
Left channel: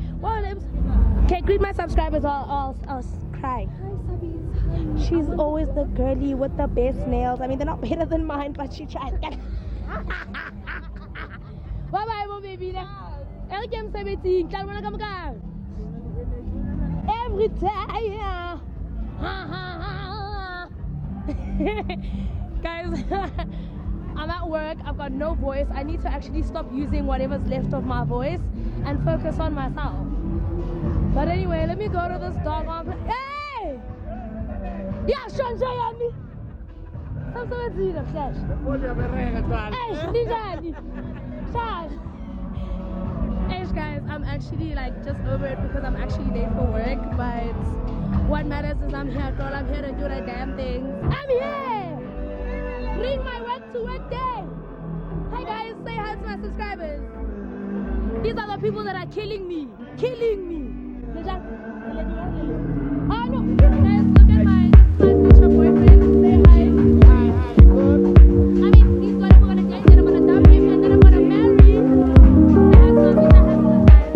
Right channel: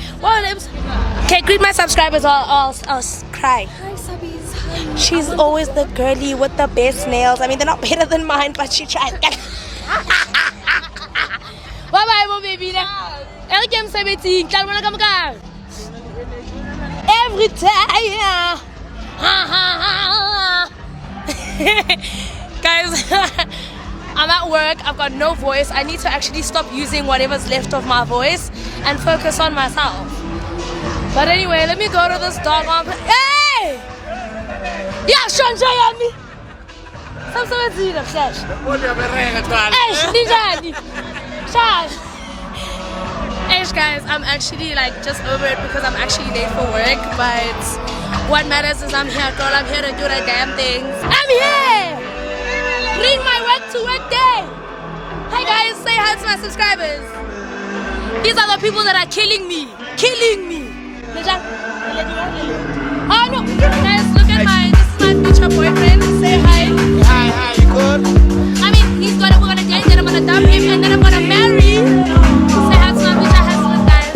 Okay, greet my subscribers. I'll cry. Hi, Subbies. Hi. She's always the girly with the best nails. I mean, they're not better than mine, but she tried. Bye-bye, my baby. Every time 17, every time. Guys, I'm at work. I've got no voice. I need to actually stop using whatever's left of my voice and focus on myself. But anyway, let me go to this dog on. Hey! Yeah, Sean, show me. Hey guys, I'm actually like just over it because I'm actually late for work, but what matters is I'm here, girl. I'm here to do the damn things. I'm here! Bring my work to work day! Hi guys, say hi to my subscribers. These are the people that are killing me. Killing me! Oh no! Guys, look at this is my future boyfriend. Say hi. Hi, you good? I mean, we're gonna date, then I'm gonna dump him, and then I'm gonna marry. Say hi to my future husband, guys.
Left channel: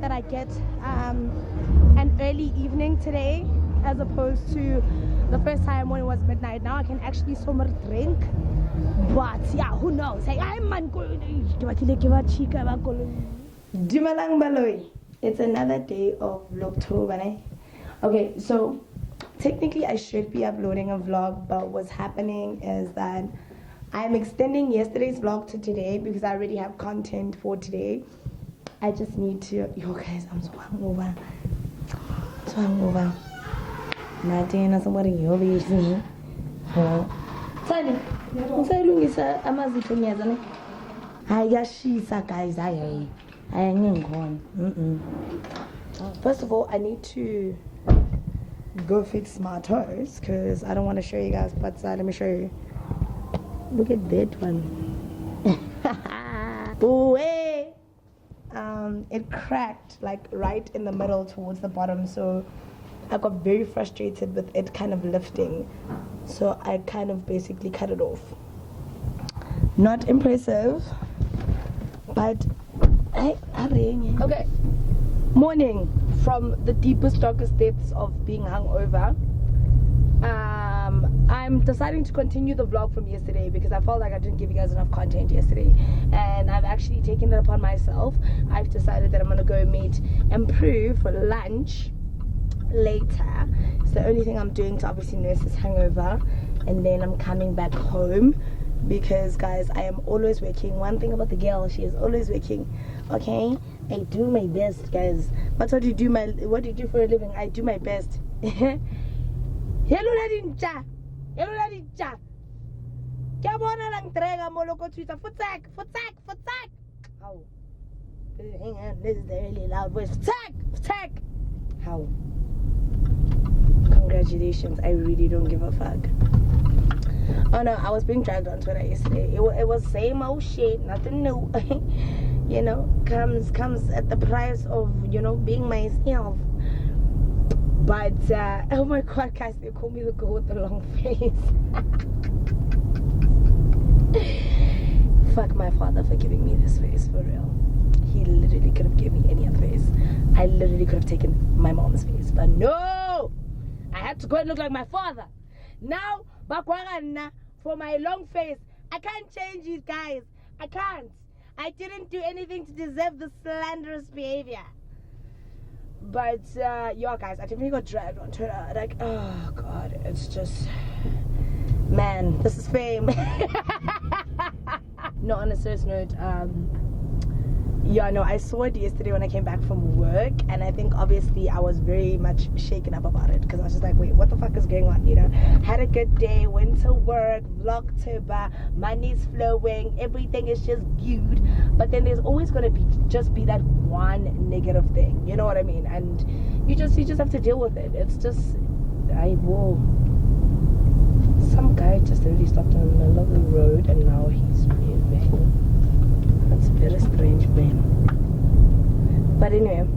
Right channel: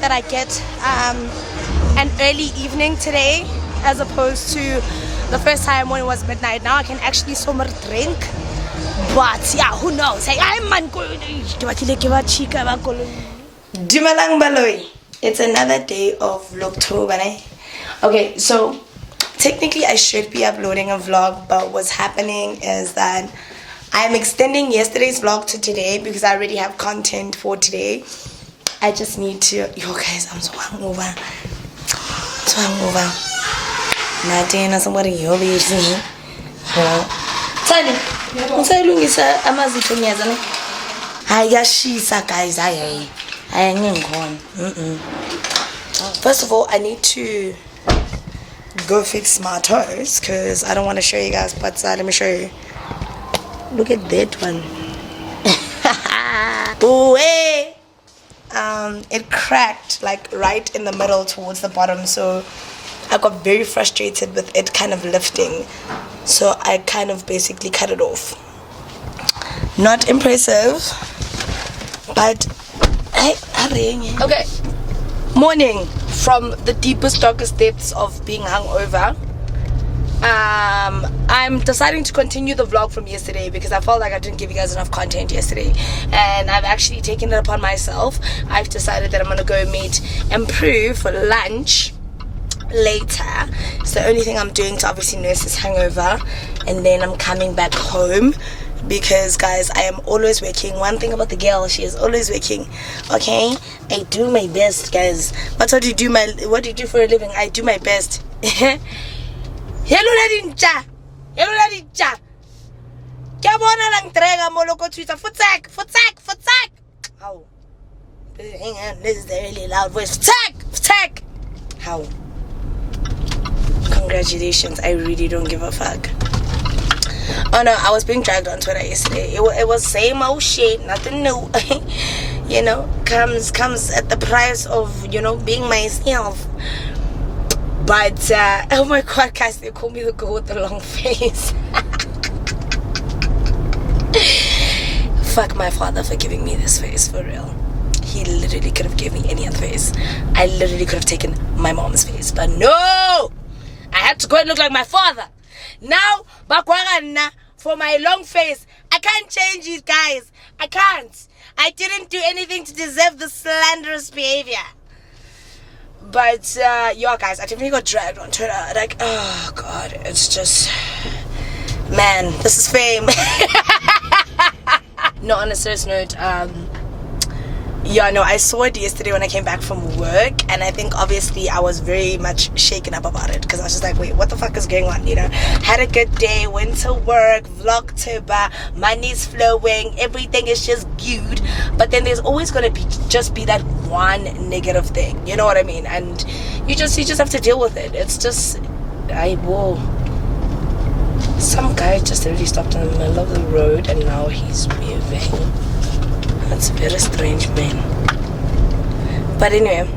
That I get an early evening today as opposed to the first time when it was midnight. Now I can actually somewhere drink, but yeah, who knows? Hey, it's another day of VLOGTOBER. Okay, so technically I should be uploading a vlog, but what's happening is that I'm extending yesterday's vlog to today because I already have content for today. I just need to, yo guys, I'm so hungover. Natina, somebody you'll be seeing. Tani, unsalungisa amazitho ngiyazana. Ayashisa guys, ayangengkhona. First of all, I need to go fix my toes because I don't want to show you guys, but let me show you. Look at that one. Oh, hey. It cracked like right in the middle towards the bottom, so I got very frustrated with it kind of lifting, so I kind of basically cut it off. Not impressive, but okay, Morning from the deepest, darkest depths of being hungover. I'm deciding to continue the vlog from yesterday because I felt like I didn't give you guys enough content yesterday, and I've actually taken it upon myself. I've decided that I'm gonna go meet Mpruedie for lunch later. It's the only thing I'm doing to obviously nurse this hangover, and then I'm coming back home because, guys, I am always working. One thing about the girl, she is always working. Okay, I do my best, guys. But what do you do for a living? I do my best. Hello Nadinja. Hello Nadinja. Kabona lang trega moloko Twitter. Futak. How? Hang on, this is the really loud voice. Futak. How? Congratulations. I really don't give a fuck. Oh no, I was being dragged on Twitter yesterday. It was same old shit, nothing new. You know, comes at the price of, you know, being myself. But oh my god, guys, they call me the girl with the long face. Fuck my father for giving me this face, for real. He literally could have given me any other face. I literally could have taken my mom's face, but no, I had to go and look like my father. Now, Bakwagana, for my long face, I can't change it, guys. I can't. I didn't do anything to deserve the slanderous behavior. But, yeah, guys, I definitely got dragged on Twitter. Like, oh, God, it's just... Man, this is fame. No, on a serious note, yeah, no, I saw it yesterday when I came back from work, and I think obviously I was very much shaken up about it because I was just like, wait, what the fuck is going on, you know? Had a good day, went to work, Vlogtober, money's flowing, everything is just good, but then there's always gonna be that one negative thing, you know what I mean? And you just have to deal with it. It's just, some guy just really stopped in the middle of the road and now he's moving. That's very strange, man. But anyway,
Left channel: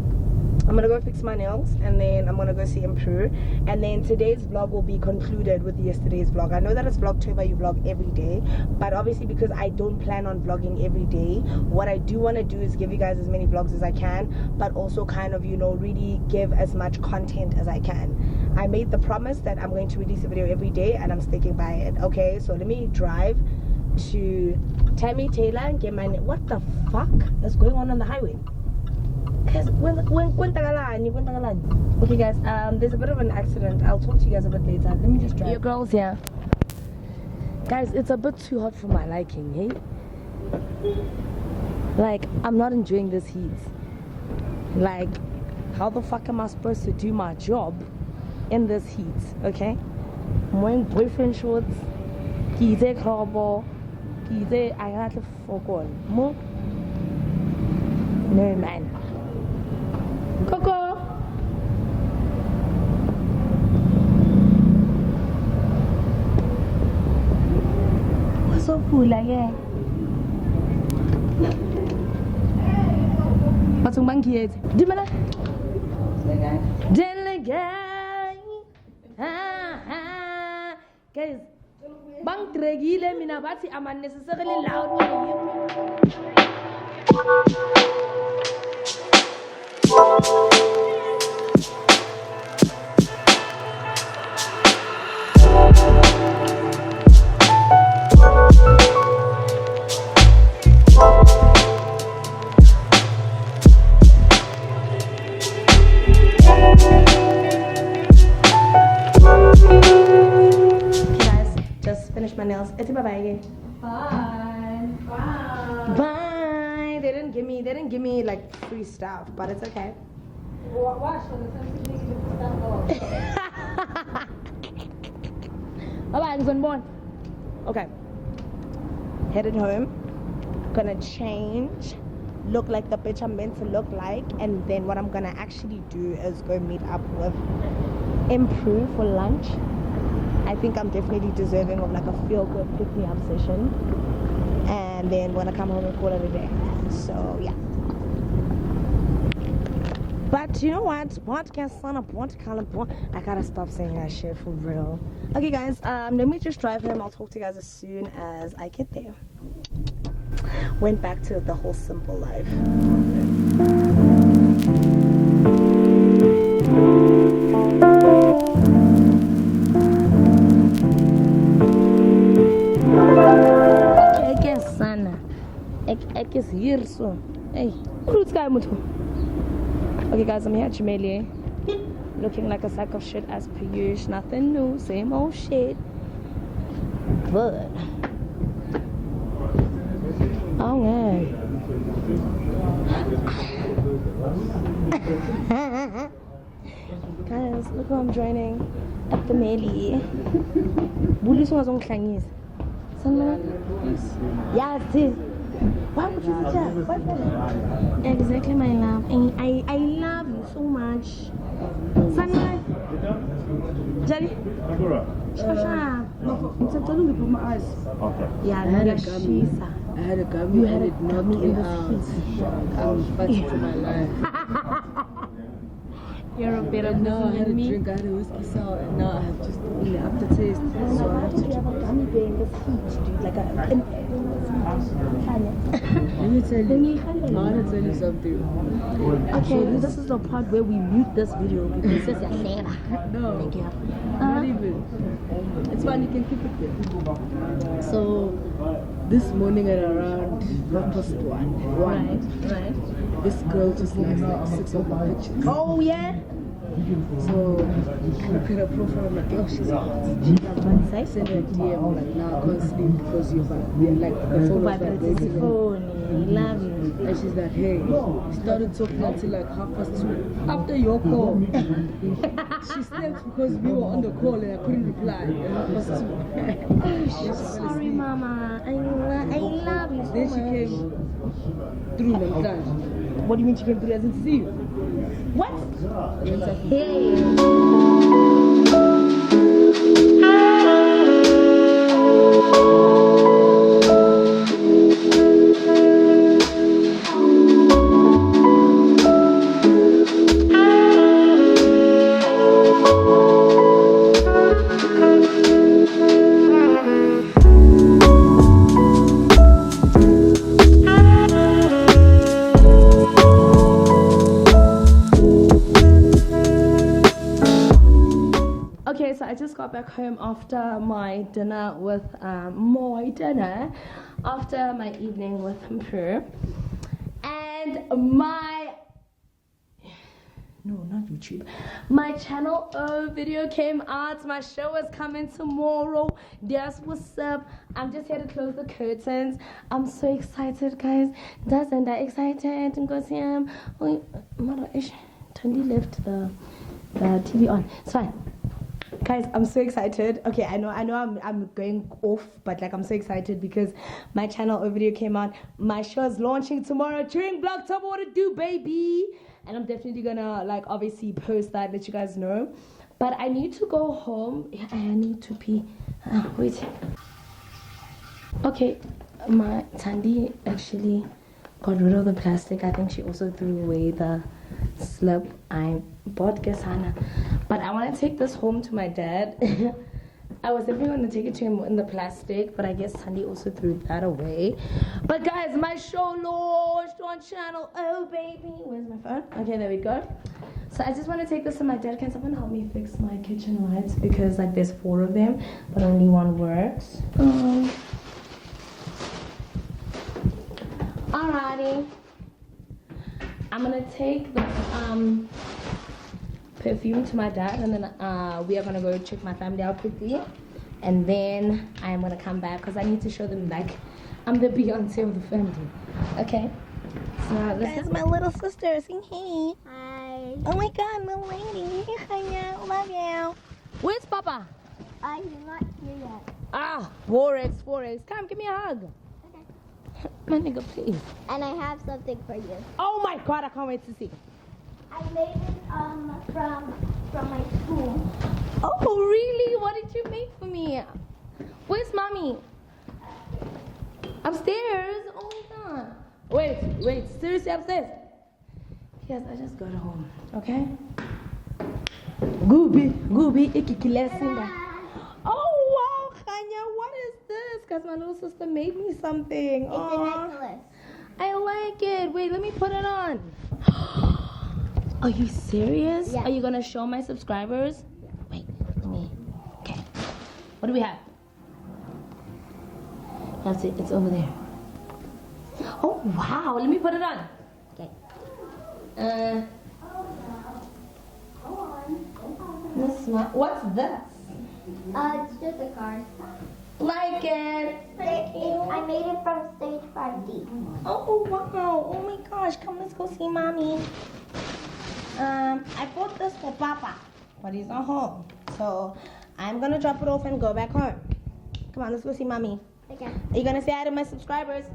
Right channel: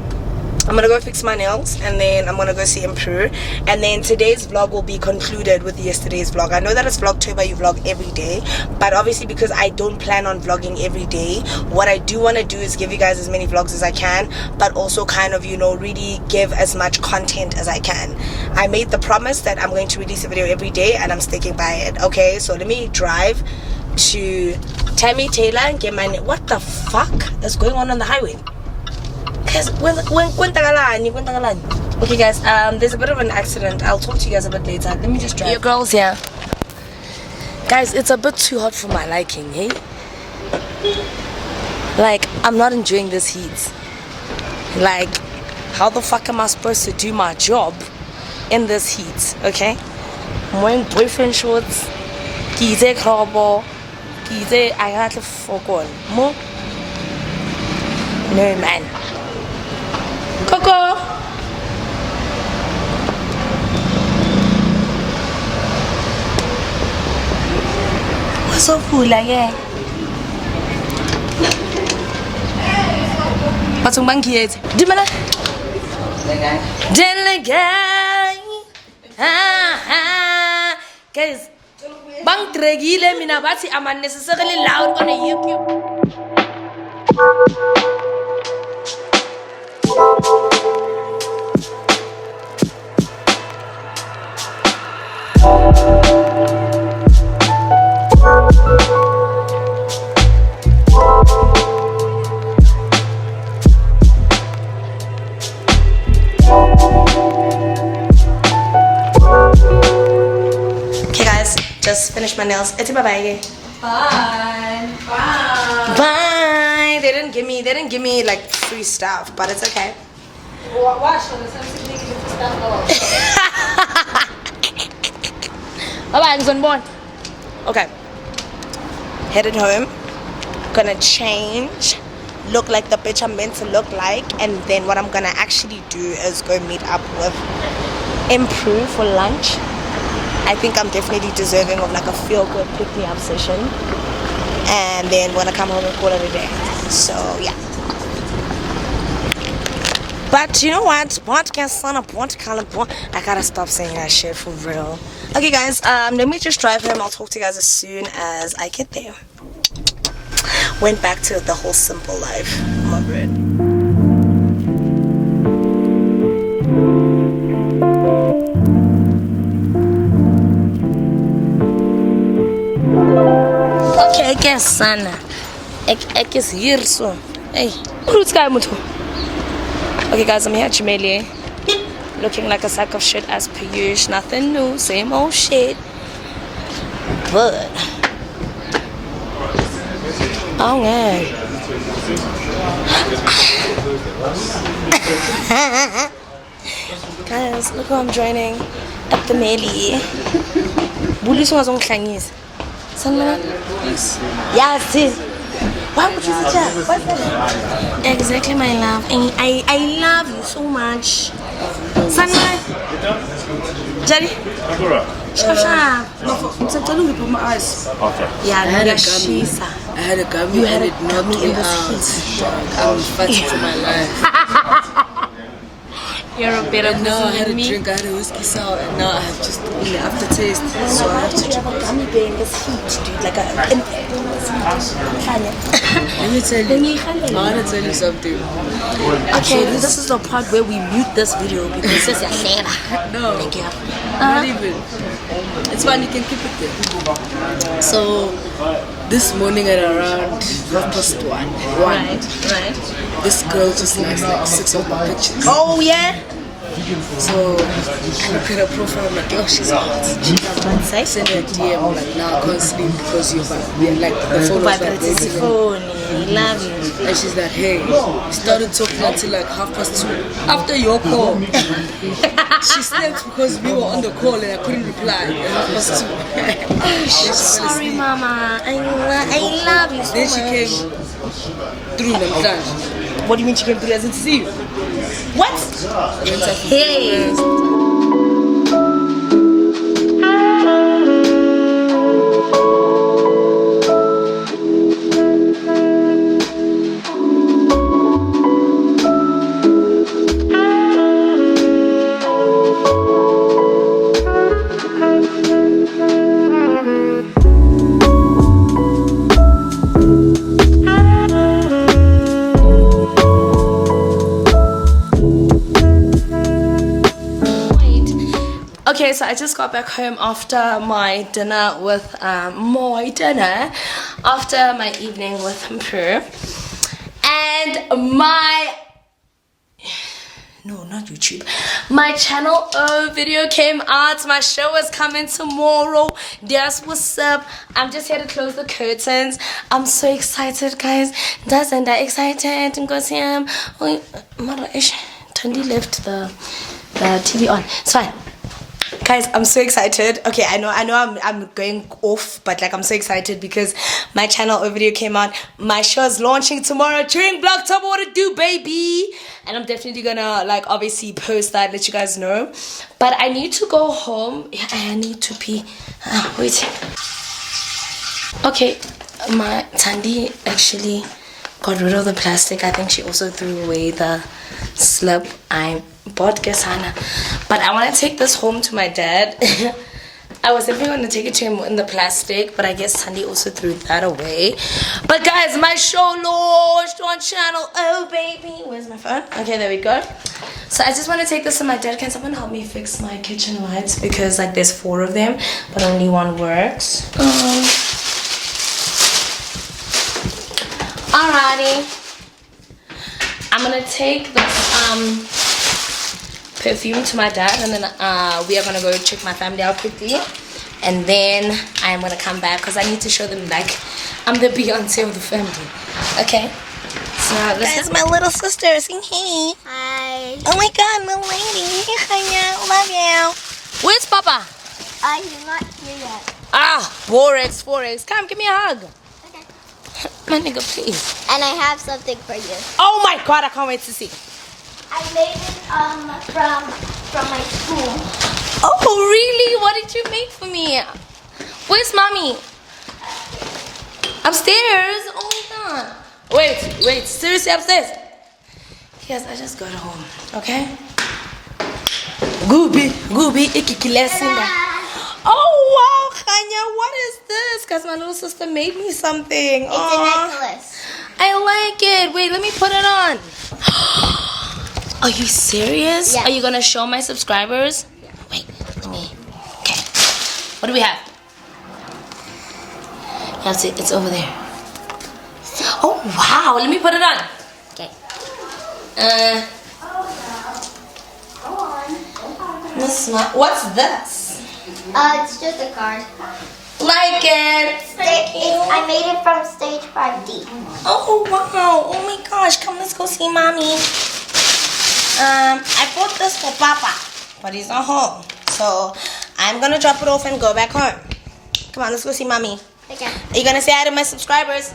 I'm gonna go fix my nails and then I'm gonna go see Mpruedie, and then today's vlog will be concluded with yesterday's vlog. I know that it's Vlogtober, you vlog every day, but obviously because I don't plan on vlogging every day, what I do want to do is give you guys as many vlogs as I can, but also kind of, you know, really give as much content as I can. I made the promise that I'm going to release a video every day and I'm sticking by it. Okay, so let me drive to Tammy Taylor and get my what the fuck is going on the highway? Guys, okay guys, there's a bit of an accident. I'll talk to you guys a bit later. Let me just drive. Your girls here. Guys, it's a bit too hot for my liking, hey? Like, I'm not enjoying this heat. Like, how the fuck am I supposed to do my job in this heat, okay? I'm wearing boyfriend shorts. Kize krobo. Kize I got to fuck on. Mo? No man. Coco. What's so cool like yeah? What's on bank yet? Dimana? Delegate. Guys, bang tregile mina bati am unnecessarily loud on a YouTube. Just finished my nails. It's bye. Bye. They didn't give me like free stuff, but it's okay. Bye. Okay. Headed home. Gonna change. Look like the bitch I'm meant to look like, and then what I'm gonna actually do is go meet up with Mpruedie for lunch. I think I'm definitely deserving of like a feel-good pick-me-up session, and then we're gonna come home and call it a day. So yeah. But you know what? I gotta stop saying that shit for real. Okay, guys. Let me just drive home. I'll talk to you guys as soon as I get there. Went back to the whole simple life. I'm over it. Yes, son. Ek is here so. Hey, who's guy mutu? Okay, guys, I'm here at Mallela, looking like a sack of shit as per usual. Nothing new, same old shit. But oh man. Guys, look who I'm joining at the Mallela. Bullies was on Chinese. Yes. Yes. Why would you say that? What's that? Exactly, my love. I love you so much. Sunlight. Jerry? Shut up. I'm telling you, put my eyes. Okay. Yeah, I had a gummy. You had and a it knocked gummy me in the out. feet. I'm fighting for my life. You're a better And now I person had a than me. drink, I had a whiskey sour, and now I have just the aftertaste. So I have to You have a gummy bear in this heat, dude. Like a... Let me tell you, I want to tell you something. Okay, this is the part where we mute this video because it's a never. No, Thank you. not even. It's fine, you can keep it there. So, this morning at around 1:30. Right. This girl just likes like 6 of my pictures. Oh, yeah? So, I look at her profile, I'm like, oh, she's hot. I send her a DM, like, now I can't sleep because you're like, the phone was vibrating. Phone, love you. And she's like, hey, we started talking until like 2:30. After your call, she slept because we were on the call and I couldn't reply at 2:30. Sorry, Mama. I love you so Then she much. came through the lunch. What do you mean she came through? As in to see you? What? Hey. Okay, so I just got back home after my dinner with after my evening with Mpruedie, and not YouTube. My channel video came out. My show is coming tomorrow. That's what's up. I'm just here to close the curtains. I'm so excited, guys. Doesn't that excited? I'm going to see him. Tandi left the TV on. It's fine. Guys, I'm so excited. Okay, I know I'm going off, but like I'm so excited because my channel video came out. My show is launching tomorrow during VLOGTOBER. What to do, baby? And I'm definitely gonna like obviously post that, let you guys know. But I need to go home. Yeah, I need to pee. Wait. Okay, my Tandi actually got rid of the plastic. I think she also threw away the slip I bought Gesana. But I want to take this home to my dad. I was definitely going to take it to him in the plastic, but I guess Sandy also threw that away. But guys, my show launched on channel. Oh baby, where's my phone? Okay, there we go. So I just want to take this to my dad. Can someone help me fix my kitchen lights? Because like there's 4 of them, but only one works. Alrighty. I'm gonna take this perfume to my dad, and then we are gonna go check my family out quickly, and then I'm gonna come back because I need to show them like I'm the Beyonce of the family. Okay. So this is my little sister. Sing hey. Hi. Oh my God, Naledi. Hi, love you. Where's Papa? He's not here yet. Ah, 4x. Come, give me a hug. Okay. My nigga, please. And I have something for you. Oh my God, I can't wait to see. I made it from my school. Oh really? What did you make for me? Where's mommy? Upstairs? Oh my God. Wait, seriously upstairs? Yes, I just got home, okay? Gooby, ikikilesinda. Oh wow, Khanya, what is this? Because my little sister made me something. It's a necklace. I like it. Wait, let me put it on. Are you serious? Yeah. Are you gonna show my subscribers? Yeah. Wait, let me. Okay. What do we have? That's it. It's over there. Oh wow, let me put it on. Okay. What's this? It's just a card. Like it. I made it from stage 5D. Oh wow. Oh my gosh. Come, let's go see mommy. I bought this for Papa, but he's not home. So I'm gonna drop it off and go back home. Come on, let's go see mommy. Okay. Are you gonna say hi to my subscribers?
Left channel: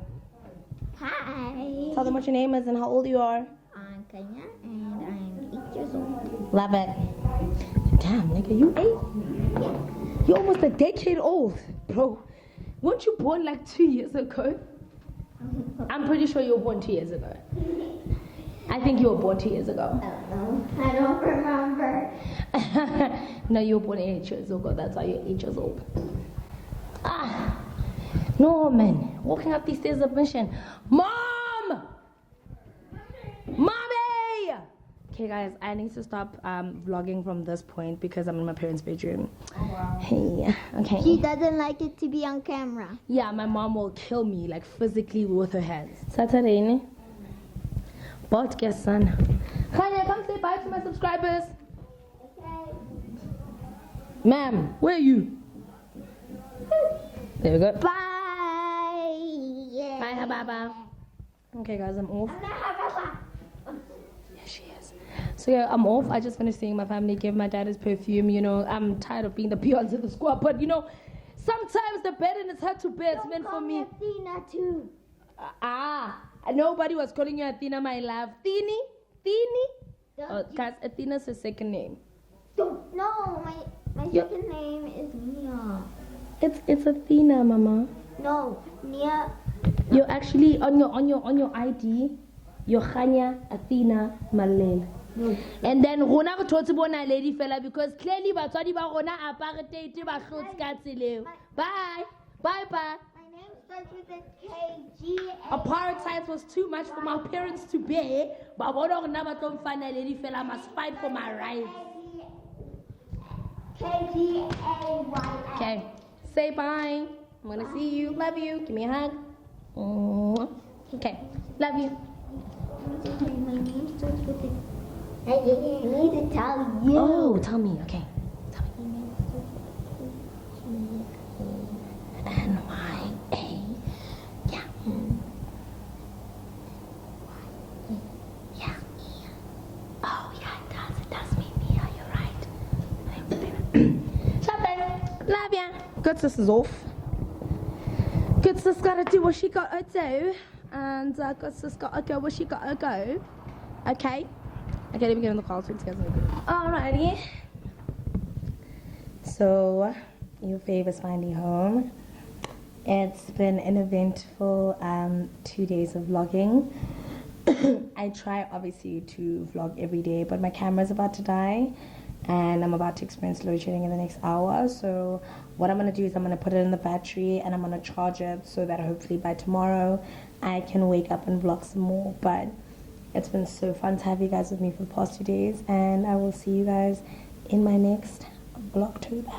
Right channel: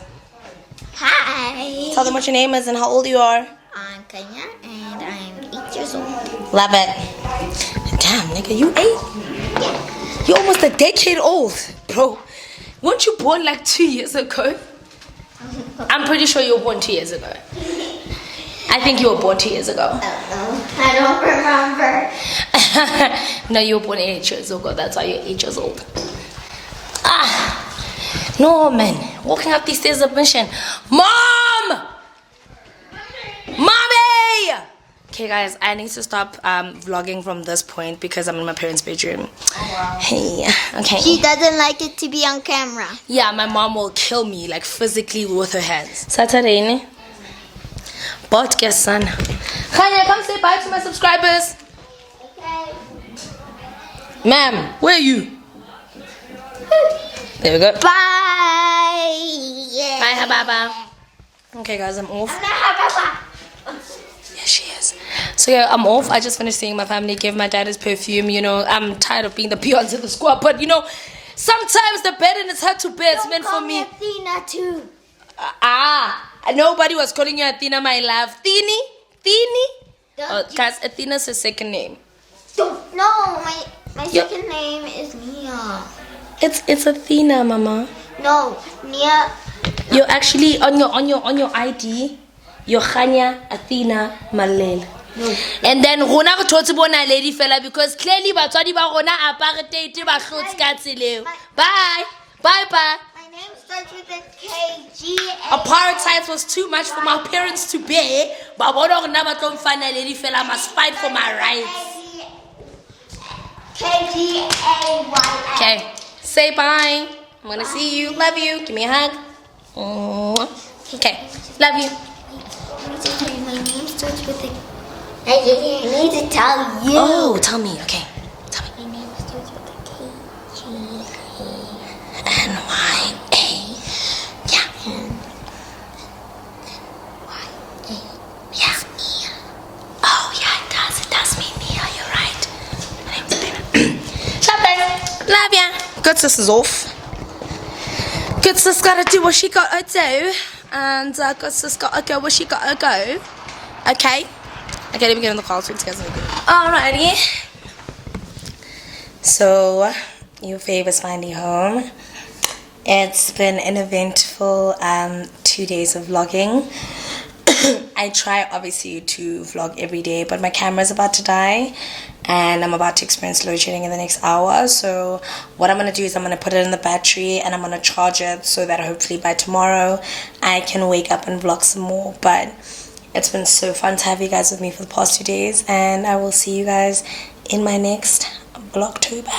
Hi. Tell them what your name is and how old you are. I'm Kenya and I'm 8 years old. Love it. Damn, nigga, you 8? You're almost a decade old, bro. Weren't you born like 2 years ago? I'm pretty sure you were born 2 years ago. I think you were born 2 years ago. I don't remember. No, you were born 8 years ago. That's why you're 8 years old. No, man. Walking up these stairs of mission. Mom! Mommy! Okay, guys, I need to stop vlogging from this point because I'm in my parents' bedroom. Oh, wow. Hey, okay. She doesn't like it to be on camera. Yeah, my mom will kill me, like physically with her hands. Saturday, ne? But guess, son. Kanya, come say bye to my subscribers. Okay. Ma'am, where are you? There we go. Bye. Yeah. Bye, Hababa. Okay, guys, I'm off. Yeah, she is. So yeah, I'm off. I just finished seeing my family, gave my dad his perfume. You know, I'm tired of being the peons in the squad, but you know, sometimes the bed and it's hard to bear. It's meant for me. Athena too. Nobody was calling you Athena, my love. Thini? Oh, Don't guys, Athena's her second name. No, my second name is Nia. It's Athena, mama. No, Nia. You're actually on your ID. You're Khanya Athena Mallela. No. And then rona go thotse bona lady fella because clearly batswadi ba rona apartheid ba hlotse ka tseleo. Bye. Bye bye. My name starts with a K-G. Apartheid was too much for my parents to bear. But bona rona ba tlo mfana lady fella must fight for my rights. K-G-A-Y. Okay. Say bye. I'm gonna see you. Love you. Give me a hug. Okay. Love you. My name starts with a... I need to tell you. Oh, tell me. Okay. Tell me. My name starts with a K-G-A. N-Y-A. Yeah. Y-A. Yeah. Nia. Oh, yeah, it does. It does mean Nia. You're right. My name's Athena. Love ya. Good sis is off. Good sis gotta do what she gotta do. And good sis gotta go where she gotta go. Okay. Okay, let me get in the car. So alrighty. So, your fave is finally home. It's been an eventful 2 days of vlogging. I try obviously to vlog every day, but my camera's about to die and I'm about to experience load shedding in the next hour. So what I'm going to do is I'm going to put it in the battery and I'm going to charge it so that hopefully by tomorrow I can wake up and vlog some more. But it's been so fun to have you guys with me for the past 2 days, and I will see you guys in my next Vlogtober.